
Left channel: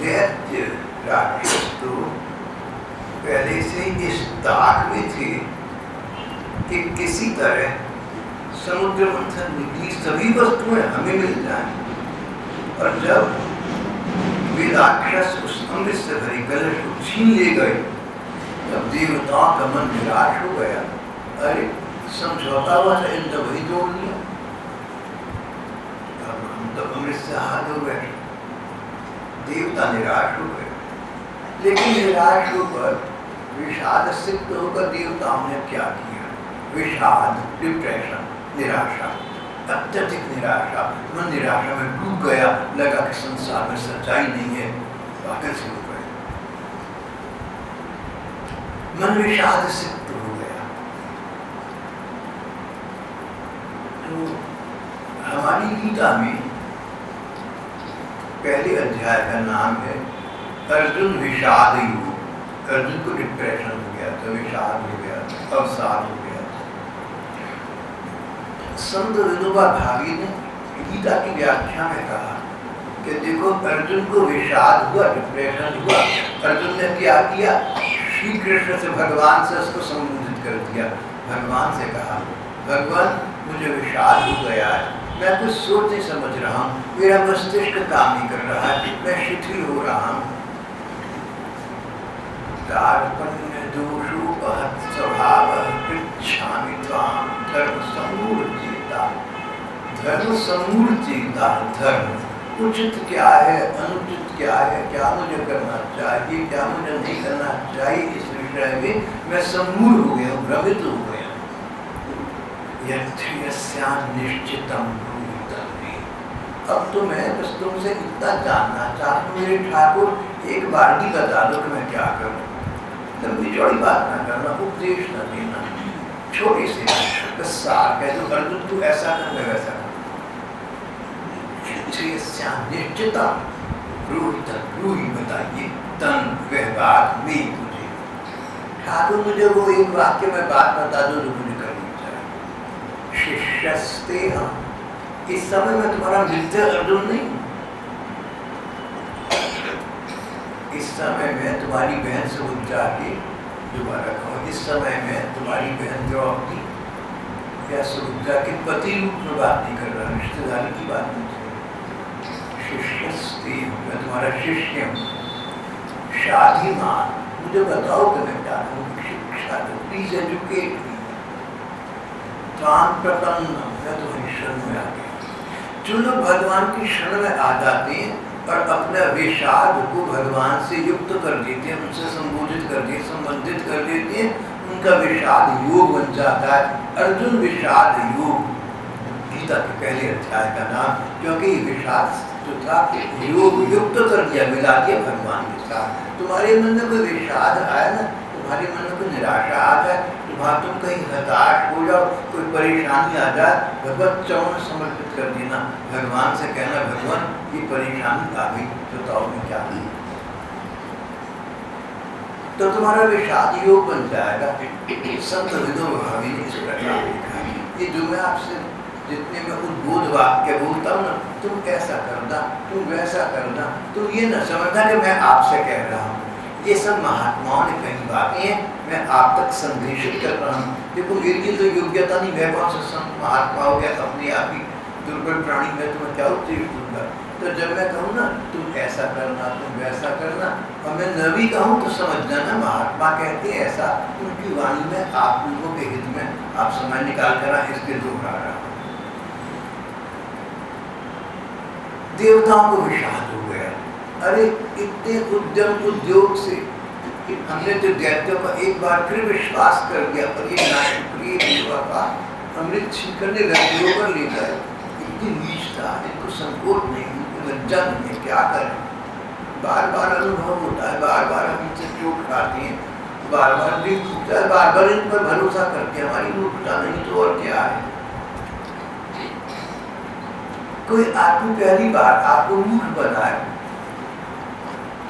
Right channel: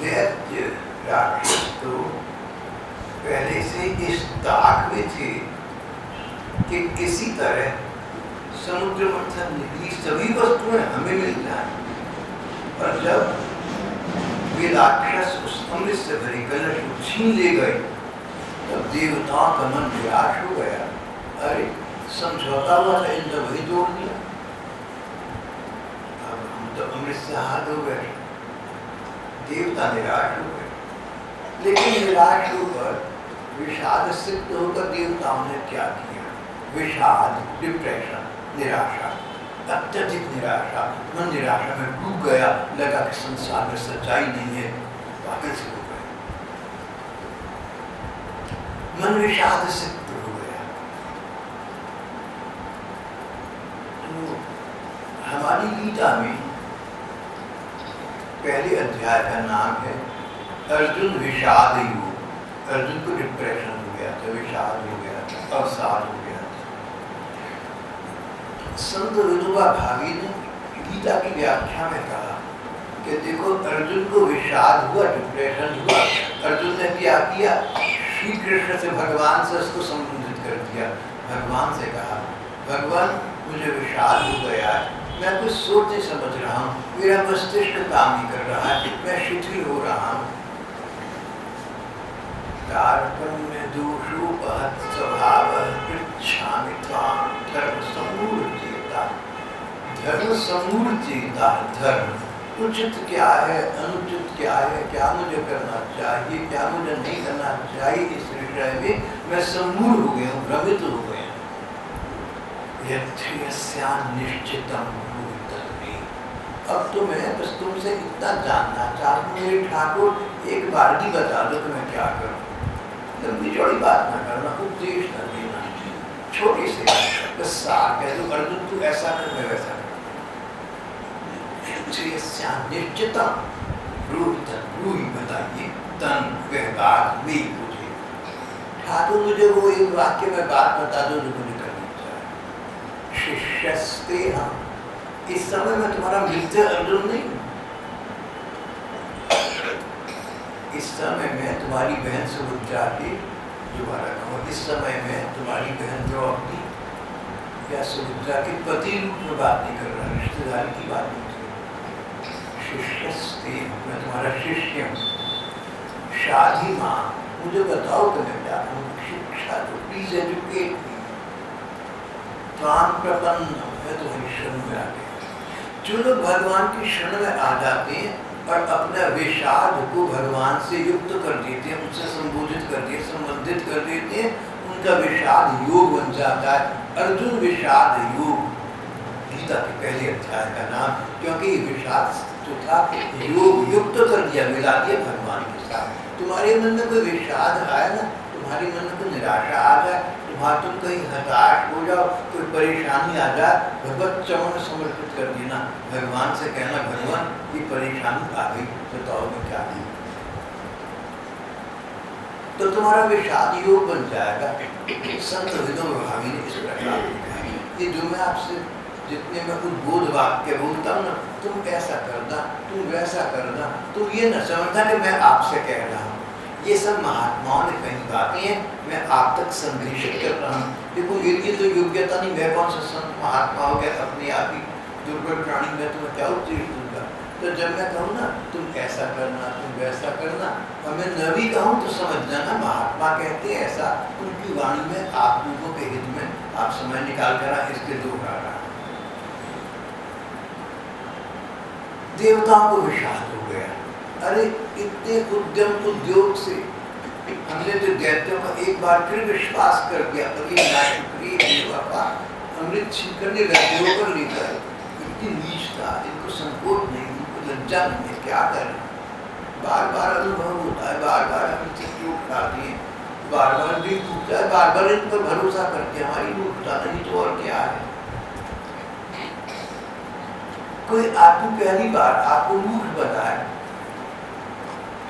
दैत्य राक्षस तो पहले से इस ताक में थे कि किसी तरह समुद्र मंथन निकली सभी वस्तुएं हमें मिल जाए। और जब वे राक्षस उस अमृत से भरे कलश को छीन ले गए, तब देवताओं का मन निराश हो गया। अरे समझौता हुआ था, इन तो वही तोड़ दिया, अब हम तो अमृत से हाथ धो बैठे। देवता निराश हो गए, लेकिन निराश होकर, विषाद सिद्ध होकर देवताओं ने क्या किया? विषाद, डिप्रेशन, निराशा, अत्यधिक निराशा, मन निराशा में डूब गया, लगा कि संसार में सच्चाई नहीं है, पागल से हो गए, मन विषाद सिद्ध हो गया। तो हमारी गीता में पहले अध्याय का नाम है अर्जुन विषाद योग। अर्जुन को डिप्रेशन हो गया था, विषाद हो गया था। अवसाद हो गया। संत विनोबा भावे ने गीता की व्याख्या में कहा कि देखो, अर्जुन को विषाद हुआ, डिप्रेशन हुआ, अर्जुन ने क्या किया, श्री कृष्ण से, भगवान से उसको संबोधित कर दिया। भगवान से कहा, भगवान मुझे विषाद हो गया है, मैं कुछ सोच नहीं समझ रहा हूँ, मेरा मस्तिष्क काम नहीं कर रहा है, मैं शिथिल हो रहा हूँ। कार्पण्य दोषोपहत स्वभाव पृच्छामि त्वां धर्म समूढ़चेता। धर्म समूढ़चेता, धर्म उचित क्या है, अनुचित क्या है, क्या मुझे करना चाहिए, क्या मुझे नहीं करना चाहिए, इस विषय में मैं समूढ़ हो गया हूँ, भ्रमित हो गया। यथ्यस्यां निश्चितम भूतमे। अब तो मैं बस तुमसे इतना जानना चाहता हूँ मेरे ठाकुर, एक बार भी बता दो कि मैं क्या करूँ। लंबी चौड़ी बात ना करना, उपदेश न देना, छोटे से बस सार कह दो, अर्जुन तू ऐसा कर, मैं वैसा कर। निश्चितम ब्रूहि, ब्रूहि बताइए, तन वह बात नहीं मुझे। ठाकुर मुझे वो एक वाक्य में बात बता दो जो मुझे करनी चाहिए। शिष्यस्ते हम, इस समय मैं तुम्हारा मित्र अर्जुन नहीं हूँ, इस समय में तुम्हारी बहन सुभद्रा की, दोबारा कहो, इस समय में तुम्हारी बहन द्रौपदी या सुभद्रा के पति रूप में बात नहीं कर रहा, रिश्तेदारी की बात नहीं कर रहा। शिष्यस्ते, मैं तुम्हारा शिष्य हूँ। शाधीमान, मुझे बताओ कि मैं क्या करूँ, शिक्षा दो, प्लीज एजुकेट मी। त्वां प्रपन्न, मैं तुम्हारी शरण में आ गया। जो लोग भगवान की शरण में आ जाते हैं और अपना विषाद को भगवान से युक्त कर देते हैं, उनसे संबोधित कर देते, संबंधित कर देते हैं, उनका विषाद योग बन जाता है। अर्जुन विषाद योग, गीता के पहले अध्याय का नाम, क्योंकि विषाद जो था योग युक्त कर दिया, मिला दिया भगवान के साथ। तुम्हारे मन में कोई विषाद आया ना, तुम्हारे मन में कोई निराशा आ जाए, तुम कहीं हताश हो जाओ, कोई परेशानी आ जाए, भगवत चरण समर्पित कर देना, भगवान से कहना, भगवान ये परेशानी आ गई, बताओ मैं क्या करूं। तो तुम्हारा विषाद योग बन जाएगा। संत विनोबा भावे ने इस प्रकार लिखा है। ये जो मैं आपसे जितने में उद्बोध वाक्य बोलता हूँ ना, तुम ऐसा करना, तुम वैसा करना, तुम ये न समझना कि मैं आपसे कह रहा हूँ, ये सब महात्माओं ने कही बातें हैं, मैं आप तक संदेशित कर रहा हूँ। देखो मेरी ये तो योग्यता नहीं, मैं कौन सा संत महात्मा हो गया, अपने आप ही दुर्बल प्राणी, मैं तुम्हें क्या उपदेश दूंगा। तो जब मैं कहूँ ना तुम ऐसा करना, तुम वैसा करना, और मैं न भी कहूँ तो समझ जाना महात्मा कहते हैं ऐसा, उनकी वाणी में आप लोगों के हित में आप समय निकाल कर इसके दोहरा रहा। देवताओं को विषाद हो गया, अरे इतने उद्यम उद्योग से हमने तो दैत्यों का एक बार फिर विश्वास कर दिया, पर ये नाशुक्रिय बेवफा अमृत छीन करने लगे होकर ले गए। इतनी नीचता, इनको संकोच नहीं, इनको लज्जा नहीं है, क्या करें। बार बार अनुभव होता है, बार बार हम चोट खाते हैं, बार बार दिल टूटता है, बार बार इन पर भरोसा करते हैं, हमारी मूर्खता नहीं तो और क्या है। कोई आदमी पहली बार आपको मूर्ख बनाए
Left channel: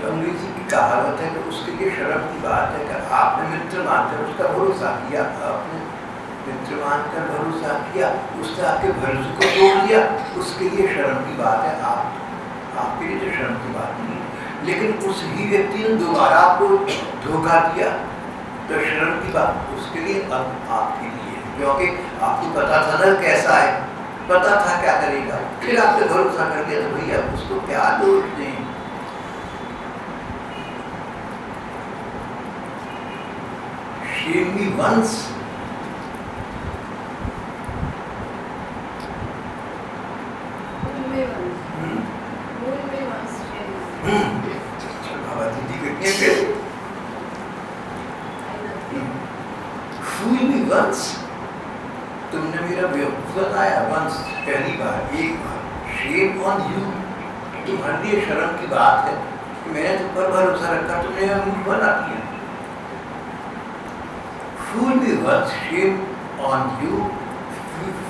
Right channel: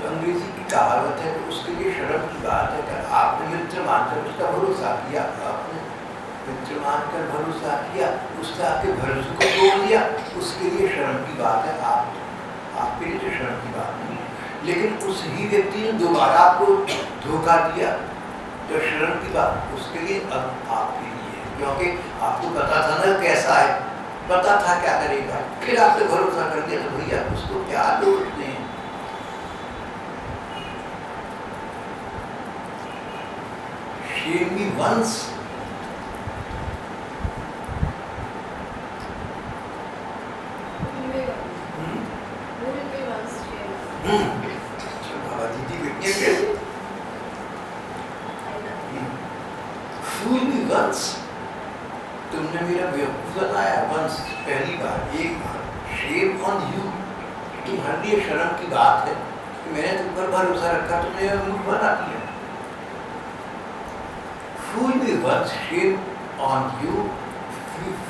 तो अंग्रेजी की कहावत है कि उसके लिए शर्म की बात है कि आपने मित्र मानकर उसका भरोसा किया, आपने मित्र मानकर भरोसा किया, उसने आपके भरोसे को तोड़ दिया, उसके लिए शर्म की बात है। आपके लिए तो शर्म की बात नहीं है, लेकिन उस ही व्यक्ति ने दोबारा आपको धोखा दिया तो शर्म की बात उसके लिए अब आपके लिए है, क्योंकि आपको पता था ना कैसा है, पता था क्या करेगा, फिर आपने भरोसा कर दिया तो भैया उसको क्या दोष दें। Shame me once, बाबा दीदी कितने पे fool me once, तुमने मेरा बेवकूफ बनाया once, पहली बार, एक बार। Shame on you, तुम्हारे लिए शर्म की बात है कि मैंने तुम पर भरोसा रखा, तुमने मेरा मूर्ख बना दिया। Fool me once, shame on you.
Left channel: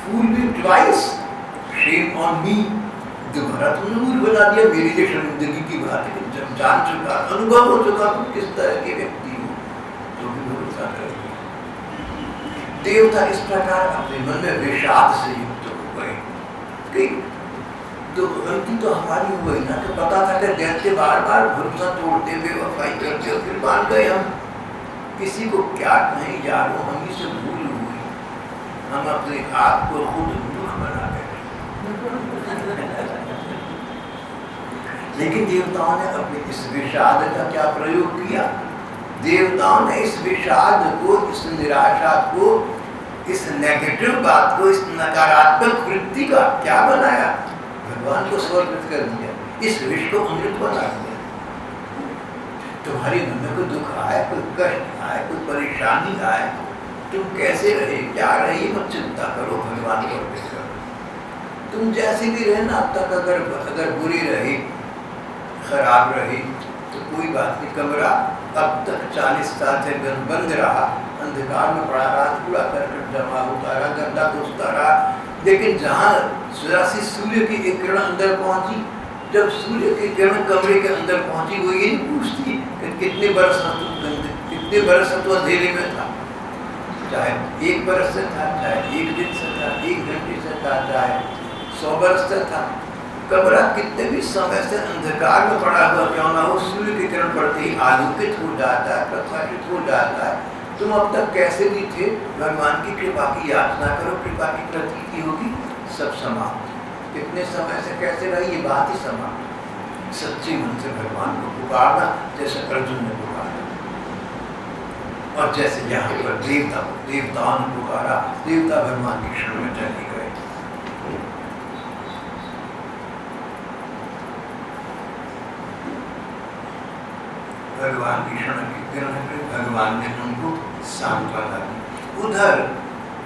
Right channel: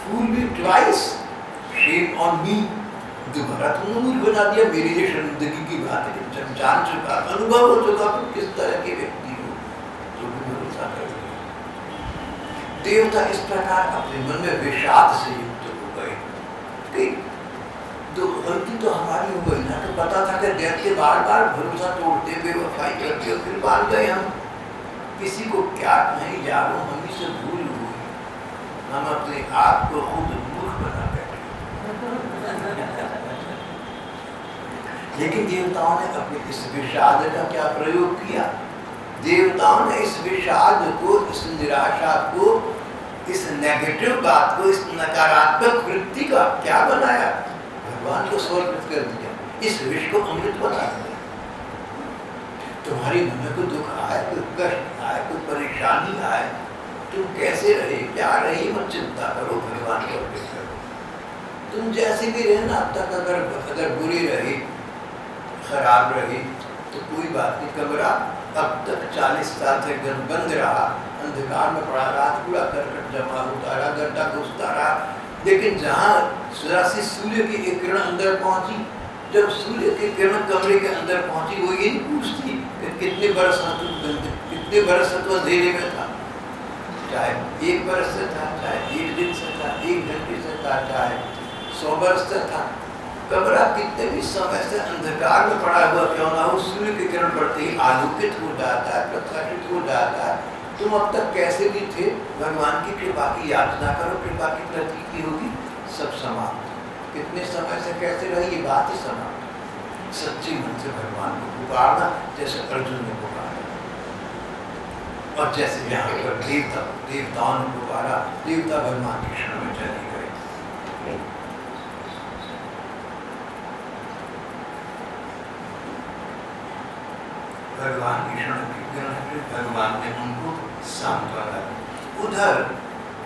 Fool me twice, shame on me. दोबारा तुमने मूर्ख बना दिया, मेरी लिए शर्मिंदगी की बात है। जब जान चुका, अनुभव हो चुका तुम किस तरह के व्यक्ति हो, तो भी भरोसा कर लिया। देवता इस प्रकार अपने मन में विषाद से युक्त हो गए कि तो गलती तो हमारी हो गई ना, तो पता था कि दैत्य बार बार भरोसा तोड़ते, बेवफाई करते, और फिर मान गए हम। किसी को क्या कहें यारो, हम ही से भूल हुई, हम अपने आप को खुद मूर्ख बना बैठे। लेकिन देवताओं ने अपने इस विषाद का क्या प्रयोग किया? देवताओं ने इस विषाद को, इस निराशा को, इस नेगेटिव बात को, इस नकारात्मक वृत्ति का क्या बनाया? भगवान को समर्पित कर दिया, इस विष को अमृत बना दिया। तुम्हारी मन में कोई दुख आए, कोई कष्ट आए, कोई परेशानी आए, तुम कैसे रहे, क्या रहे, मत चिंता करो, भगवान को अर्पित करो। तुम जैसे भी रहे ना अब तक, अगर बुरी रही, खराब रही, तो कोई बात नहीं। कमरा अब तक 40 साल से बंद रहा, अंधकार में पड़ा रहा, कूड़ा करकट जमा होता रहा, गड्ढा घुसता रहा, लेकिन जहाँ से सूर्य की एक किरण अंदर पहुंची, जब सूर्य की किरण कमरे के अंदर पहुंची, वो ये नहीं पूछती कि कितने बरस तो अंधेरे में था, चाहे 1 बरस से था, चाहे 1 दिन से था, 1 घंटे से था, चाहे 100 बरस से था। कमरा कितने भी समय से अंधकार में पड़ा हुआ क्यों ना हो, सूर्य की किरण पड़ते ही आलोकित हो जाता है, प्रकाशित हो जाता है। तुम अब तक कैसे भी थे, भगवान की कृपा की याचना करो, कृपा की प्रतीति होगी, सब समाप्त। कितने समय से कैसे रही, ये बात ही समाप्त। सच्चे मन से भगवान को पुकारना, जैसे अर्जुन ने पुकारा, और जैसे यहाँ पर देवताओं ने पुकारा, देवता भगवान की शरण में चले गए। भगवान की शरण की ग्रहण में भगवान ने उनको सांत्वना दी। उधर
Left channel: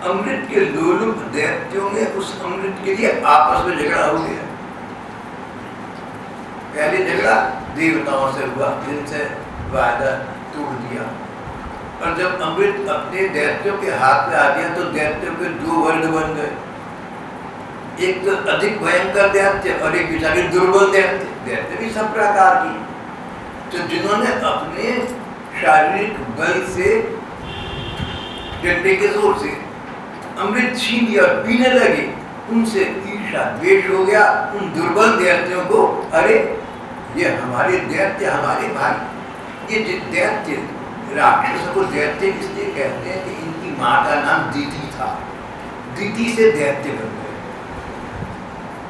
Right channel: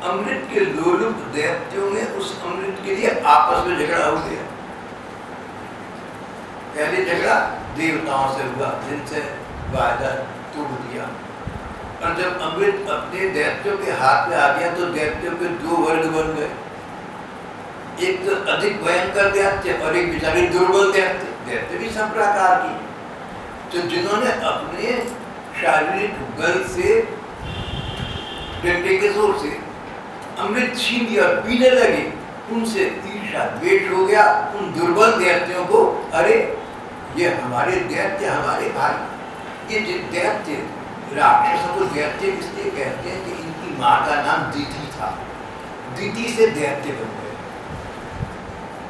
अमृत के लोलुप दैत्यों में उस अमृत के लिए आपस में झगड़ा हो गया। पहले झगड़ा देवताओं से हुआ, जिनसे वायदा तोड़ दिया, और जब अमृत अपने दैत्यों के हाथ में आ गया तो दैत्यों के 2 वर्ग बन गए। एक तो अधिक भयंकर दैत्य और एक बेचारे दुर्बल दैत्य। दैत्य भी सब प्रकार की, तो जिन्होंने अपने शारीरिक बल से, डंडे के जोर से अमृत छीन लिया और पीने लगे, उनसे ईर्ष्या द्वेष हो गया उन दुर्बल दैत्यों को। अरे ये हमारे दैत्य, हमारे भाई। ये दैत्य, राक्षस को दैत्य इसलिए कहते हैं कि इनकी माँ का नाम दिति था, दिति से दैत्य बन गए।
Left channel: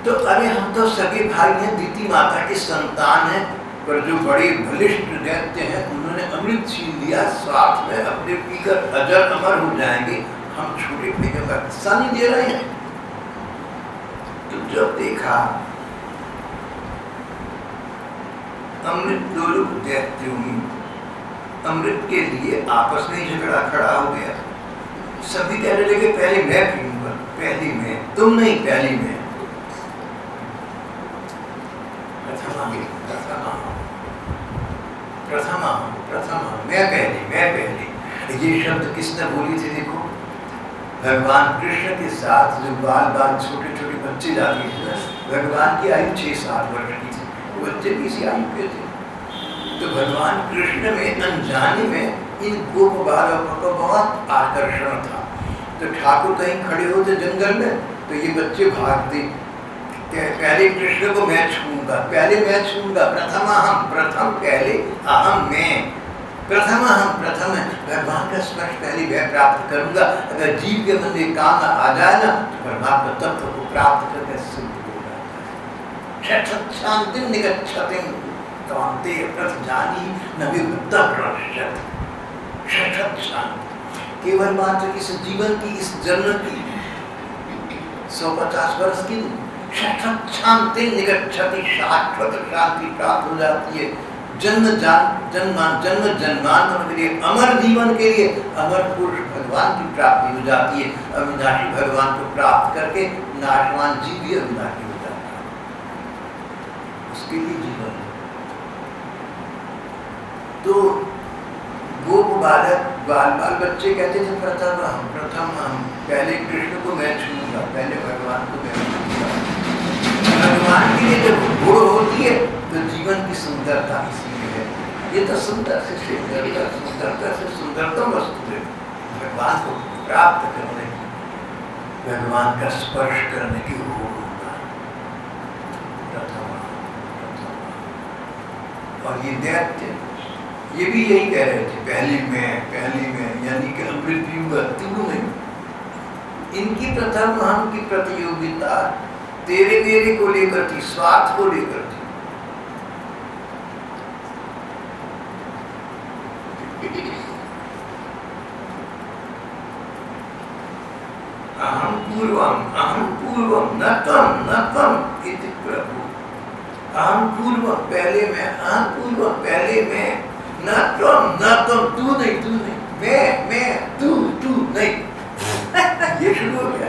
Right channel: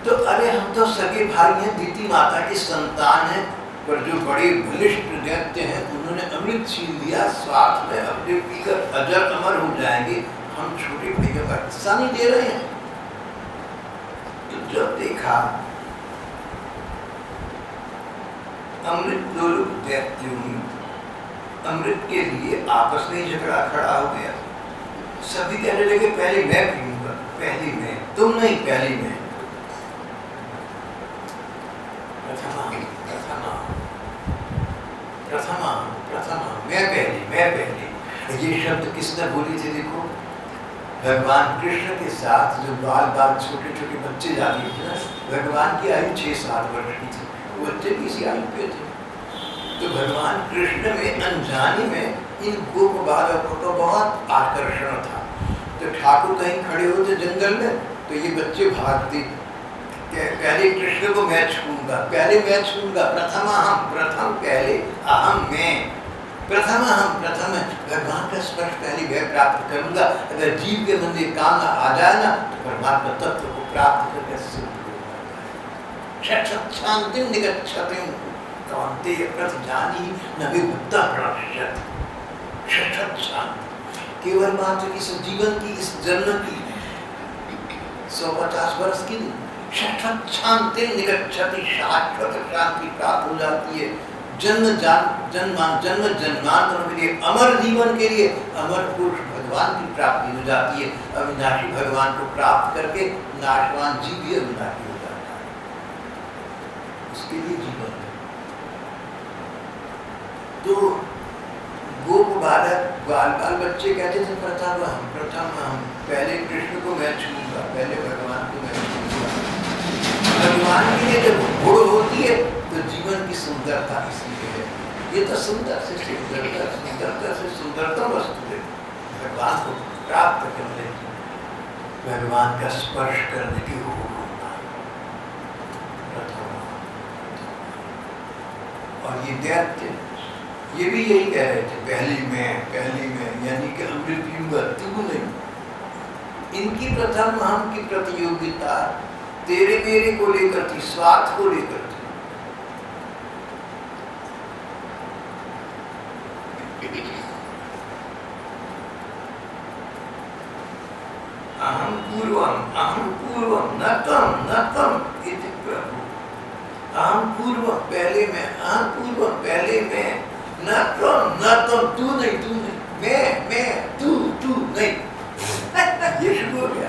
तो अरे हम तो सगे भाई हैं, दिति माता की संतान है, पर जो बड़े बलिष्ठ दैत्य हैं उन्होंने अमृत छीन लिया, स्वार्थ में अपने पीकर अजर अमर हो जाएंगे, हम छोटे भाइयों का हिस्सा नहीं दे रहे हैं। तो जब देखा अमृत लोलुप दैत्यों में अमृत के लिए आपस में झगड़ा खड़ा हो गया। सभी कहने लगे पहले मैं पीऊंगा, पहले मैं, तुम नहीं, पहले मैं। प्रथमा, मैं पहले। ये शब्द किसने बोली थी? देखो, भगवान कृष्ण के साथ जो बाल छोटे छोटे बच्चे जाते थे ना, भगवान की आयु 6-7 वर्ष की थी, वो बच्चे भी इसी आयु के थे। तो भगवान कृष्ण में अनजाने में इन गोप बालकों को बहुत आकर्षण था। तो ठाकुर कहीं खड़े होते जंगल में, तो ये बच्चे भागते, पहले कृष्ण को मैं छूऊंगा, पहले मैं छूऊंगा, प्रथम पहले, अहम मैं, प्रथम है, भगवान का स्पर्श पहले मैं प्राप्त करूंगा। अगर जीव के मन में काम आ जाए ना, तो परमात्मा तत्व को प्राप्त करके सिद्ध हो जाता है। शांतिम निगच्छतिम कांते प्रतिजानी न विभुक्ता प्रणश्यति। शांति केवल मात्र इस जीवन की, इस जन्म की 150 वर्ष की नहीं, शांति निगच्छति, शाश्वत शांति प्राप्त हो जाती है। जन्मांतरों के लिए, अमर जीवन के लिए अमर पुरुष भगवान की प्राप्ति हो जाती है। अविनाशी भगवान को प्राप्त करके नाशवान जीव भी अविनाशी हो जाता है, उसके लिए जीवन। तो गोप बाल बच्चे कहते थे प्रथम हम, पहले कृष्ण को मैं छूऊंगा, पहले भगवान को मैं छूऊंगा। भगवान के लिए जब गुण होती है तो जीवन की सुंदरता इसी में है। ये तो सुंदर से सुंदरतम वस्तु है, भगवान को प्राप्त करने की, भगवान का स्पर्श करने की होड़ होना प्रथम। और ये दैत्य ये भी यही कह रहे थे, पहले में, यानी कि अमृत युग तू नहीं। इनकी प्रथम हम की प्रतियोगिता तेरे मेरे को लेकर थी, स्वार्थ को लेकर थी। अहम पूर्वम न तम इति प्रभु। अहम पूर्वम पहले में, न तम तू नहीं, मैं तू नहीं। ये शुरू हो गया।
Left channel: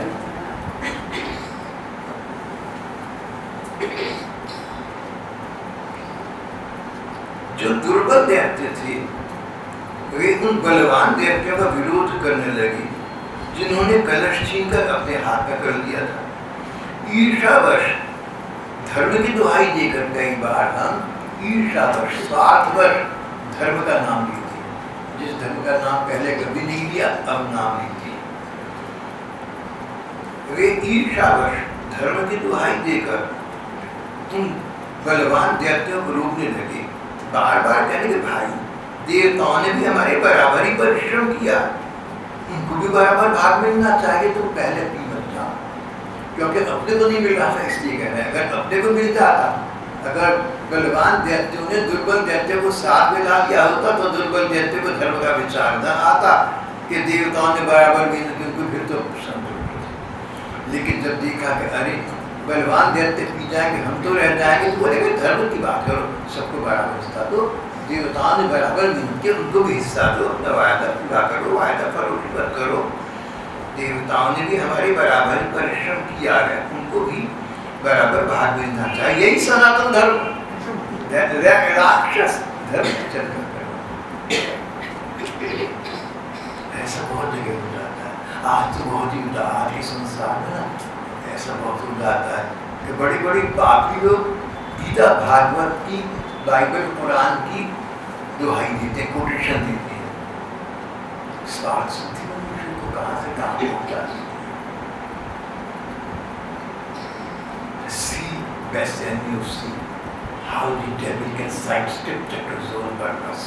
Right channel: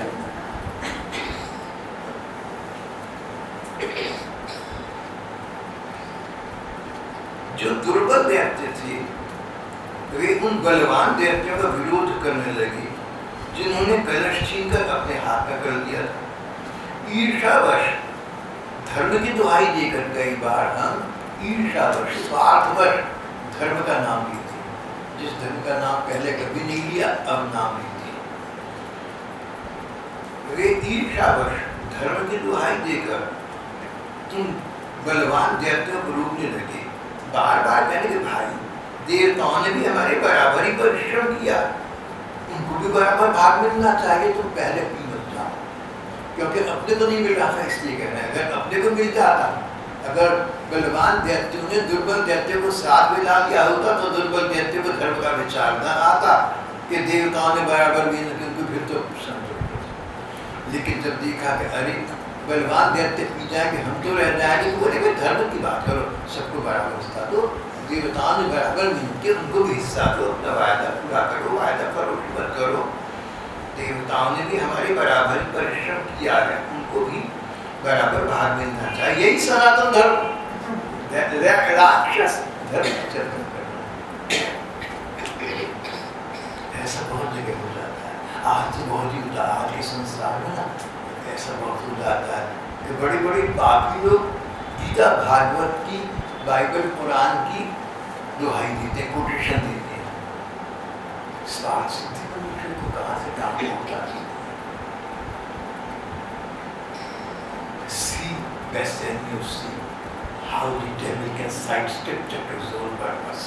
जो दुर्बल दैत्य थे वे उन बलवान दैत्यों का विरोध करने लगे जिन्होंने कलश छीनकर अपने हाथ में कर लिया था। ईर्षावश धर्म की दुहाई देकर कई बार हम ईर्षावश, स्वार्थवश धर्म का नाम लेते हैं। जिस धर्म का नाम पहले कभी नहीं लिया अब नाम लेते हैं। वे ईर्षावश धर्म की दुहाई देकर उन बलवान दैत्यों को रोकने लगे, बार बार कहने के भाई देवताओं ने भी हमारे बराबर ही परिश्रम किया, उनको भी बराबर भाग मिलना चाहिए, तुम पहले पी मत जाओ। क्योंकि अपने को नहीं मिल रहा था इसलिए कह रहे हैं। अगर अपने को मिल जाता, अगर बलवान दैत्यों ने दुर्बल दैत्य को साथ में ला लिया होता तो दुर्बल दैत्य को धर्म का विचार न आता कि देवताओं ने बराबर भी नहीं, उनको फिर तो संतोष होता। लेकिन जब देखा कि अरे बलवान दैत्य पी जाएंगे हम तो रह जाएंगे, तो बोले धर्म की बात करो, सबको बराबर हिस्सा दो। देवताओं ने बराबर मिल के उनको भी हिस्सा दो, अपना वायदा पूरा करो, वायदा फरोख्त मत करो। देवताओं ने भी हमारे बराबर परिश्रम किया है, उनको भी बराबर भाग मिलना चाहिए। यही सनातन धर्म, राक्षस धर्म चर्चा करना। ऐसा बहुत जगह हो जाता है। आज तो बहुत ही होता है, आज के संसार में ना ऐसा बहुत हो जाता है कि बड़ी बड़ी पापी लोग गीता भागवत की, बाइबल कुरान की दुहाई देते हैं, कोटेशन देते हैं। स्वार्थ सिद्धि मनुष्य को कहां से कहां पहुंचा देती है। See best and you see how the devil can cite scripture to his own purpose.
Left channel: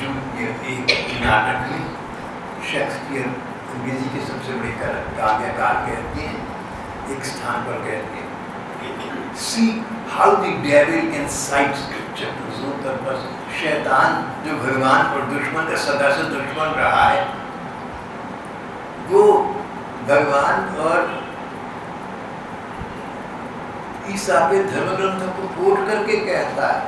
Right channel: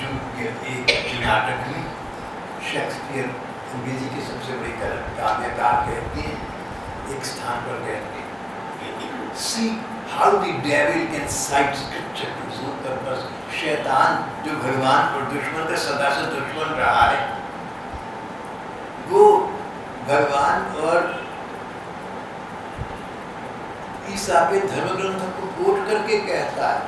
जो एक नाटक में शेक्सपियर अंग्रेजी के सबसे बड़े काव्यकार कहते हैं, एक स्थान पर कहते हैं, See how the devil can cite scripture to his own purpose. शैतान जो भगवान और दुश्मन का सदा से दुश्मन रहा है, वो भगवान और ईसा के धर्म ग्रंथों को कोट करके कहता है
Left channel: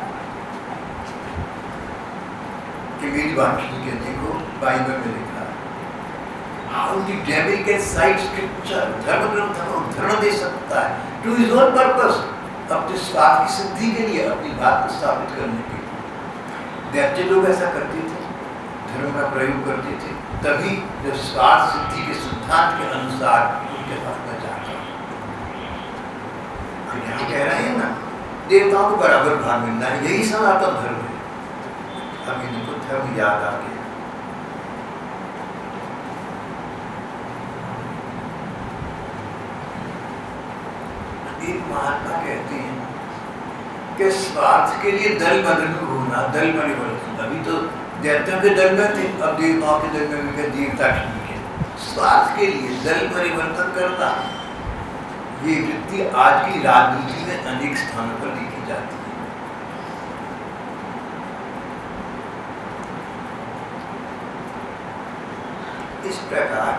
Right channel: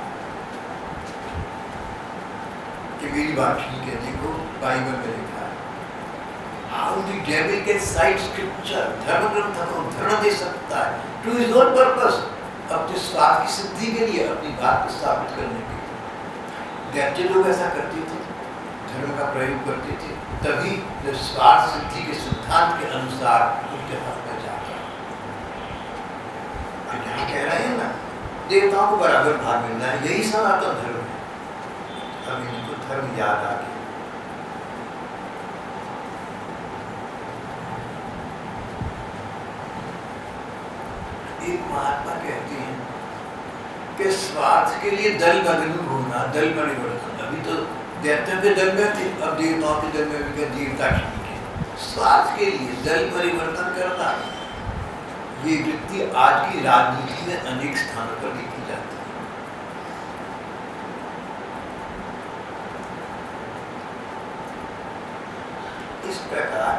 कि मेरी बात ठीक है, देखो बाइबल में लिखा है। How the devil can cite scripture, धर्म ग्रंथों को धर्म दे सकता है to his own purpose, अपने स्वार्थ की सिद्धि के लिए, अपनी बात को स्थापित करने के लिए। दैत्य लोग ऐसा करते थे, धर्म का प्रयोग करते थे, तभी जब स्वार्थ सिद्धि के सिद्धांत के अनुसार उनके पास में जाता। हम यहाँ कह रहे हैं ना, देवताओं को बराबर भाग मिलना है, यही सनातन धर्म है। अब इनको धर्म याद आ गया। एक महात्मा कहते हैं कि स्वार्थ के लिए दल बदलू होना, दल परिवर्तन। अभी तो दैत्यों के दल में थे, अब देवताओं के दल में भी देवता ठीक है। स्वार्थ के लिए दल परिवर्तन करना, ये वृत्ति आज की राजनीति में अनेक स्थानों पर देखी जाती है। इस प्रकार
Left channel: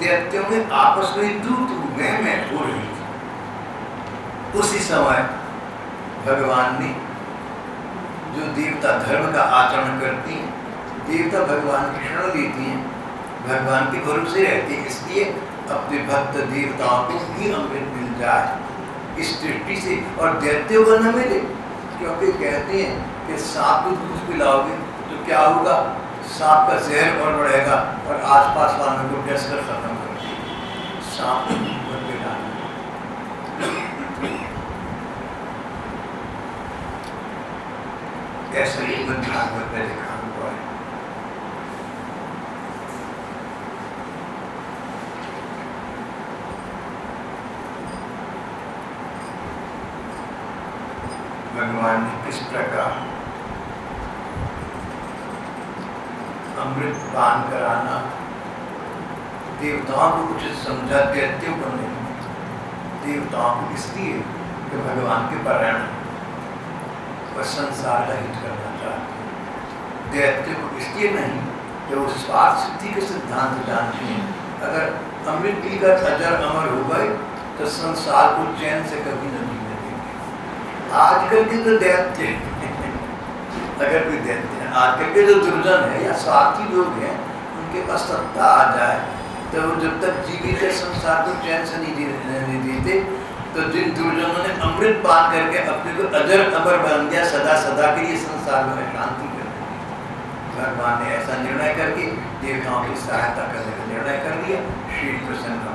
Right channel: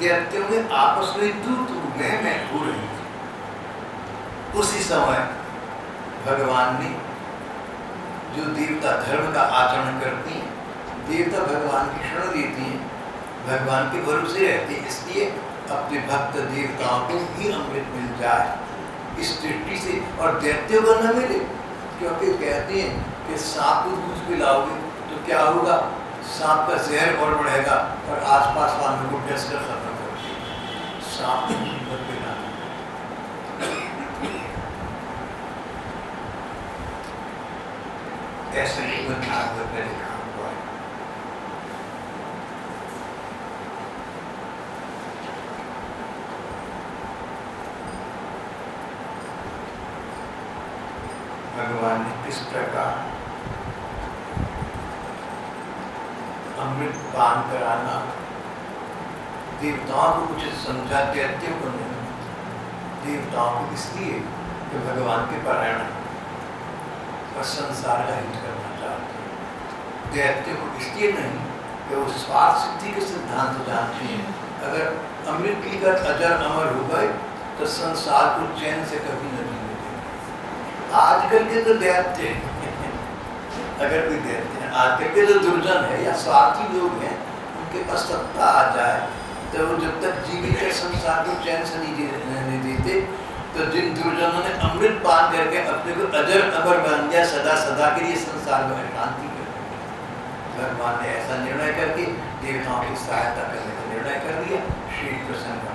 दैत्यों में आपस में तू मैं हो रही थी। उसी समय भगवान ने, जो देवता धर्म का आचरण करती हैं, देवता भगवान की शरण लेती हैं, भगवान के भरोसे रहते हैं, इसलिए अपने भक्त देवताओं को भी अमृत मिल जाए इस दृष्टि से, और दैत्यों को न मिले। क्योंकि कहते हैं कि सांप को दूध पिलाओगे तो क्या होगा, सांप का जहर और बढ़ेगा और आसपास वालों को डस कर खत्म कर देगा। सांप को दूध पर पिला, ऐसा ही भागवत में लिखा हुआ है। भगवान ने किस प्रकार अमृत पान कराना देवताओं को कुछ समझा, दैत्यों को नहीं। देवताओं को इसलिए कि भगवान के परायण और संसार का हित करना चाहते हैं। दैत्यों को इसलिए नहीं कि वो स्वार्थ सिद्धि के सिद्धांत जानते हैं। अगर अमृत पीकर अजर अमर हो गए तो संसार को चैन से कभी न जीने देंगे। आजकल के जो दैत्य अगर कोई दैत्य है, आजकल के जो दुर्जन है या स्वार्थी लोग हैं, उनके पास सत्ता आ जाए तो वो जब तक जीवित है संसार को चैन से नहीं देते। तो जिन दुर्जनों ने अमृत पान करके अपने को अजर अमर बन गया, सदा सदा के लिए संसार में शांति कर दी। भगवान ने ऐसा निर्णय करके देवताओं की सहायता करने का निर्णय कर दिया। श्री कृष्ण का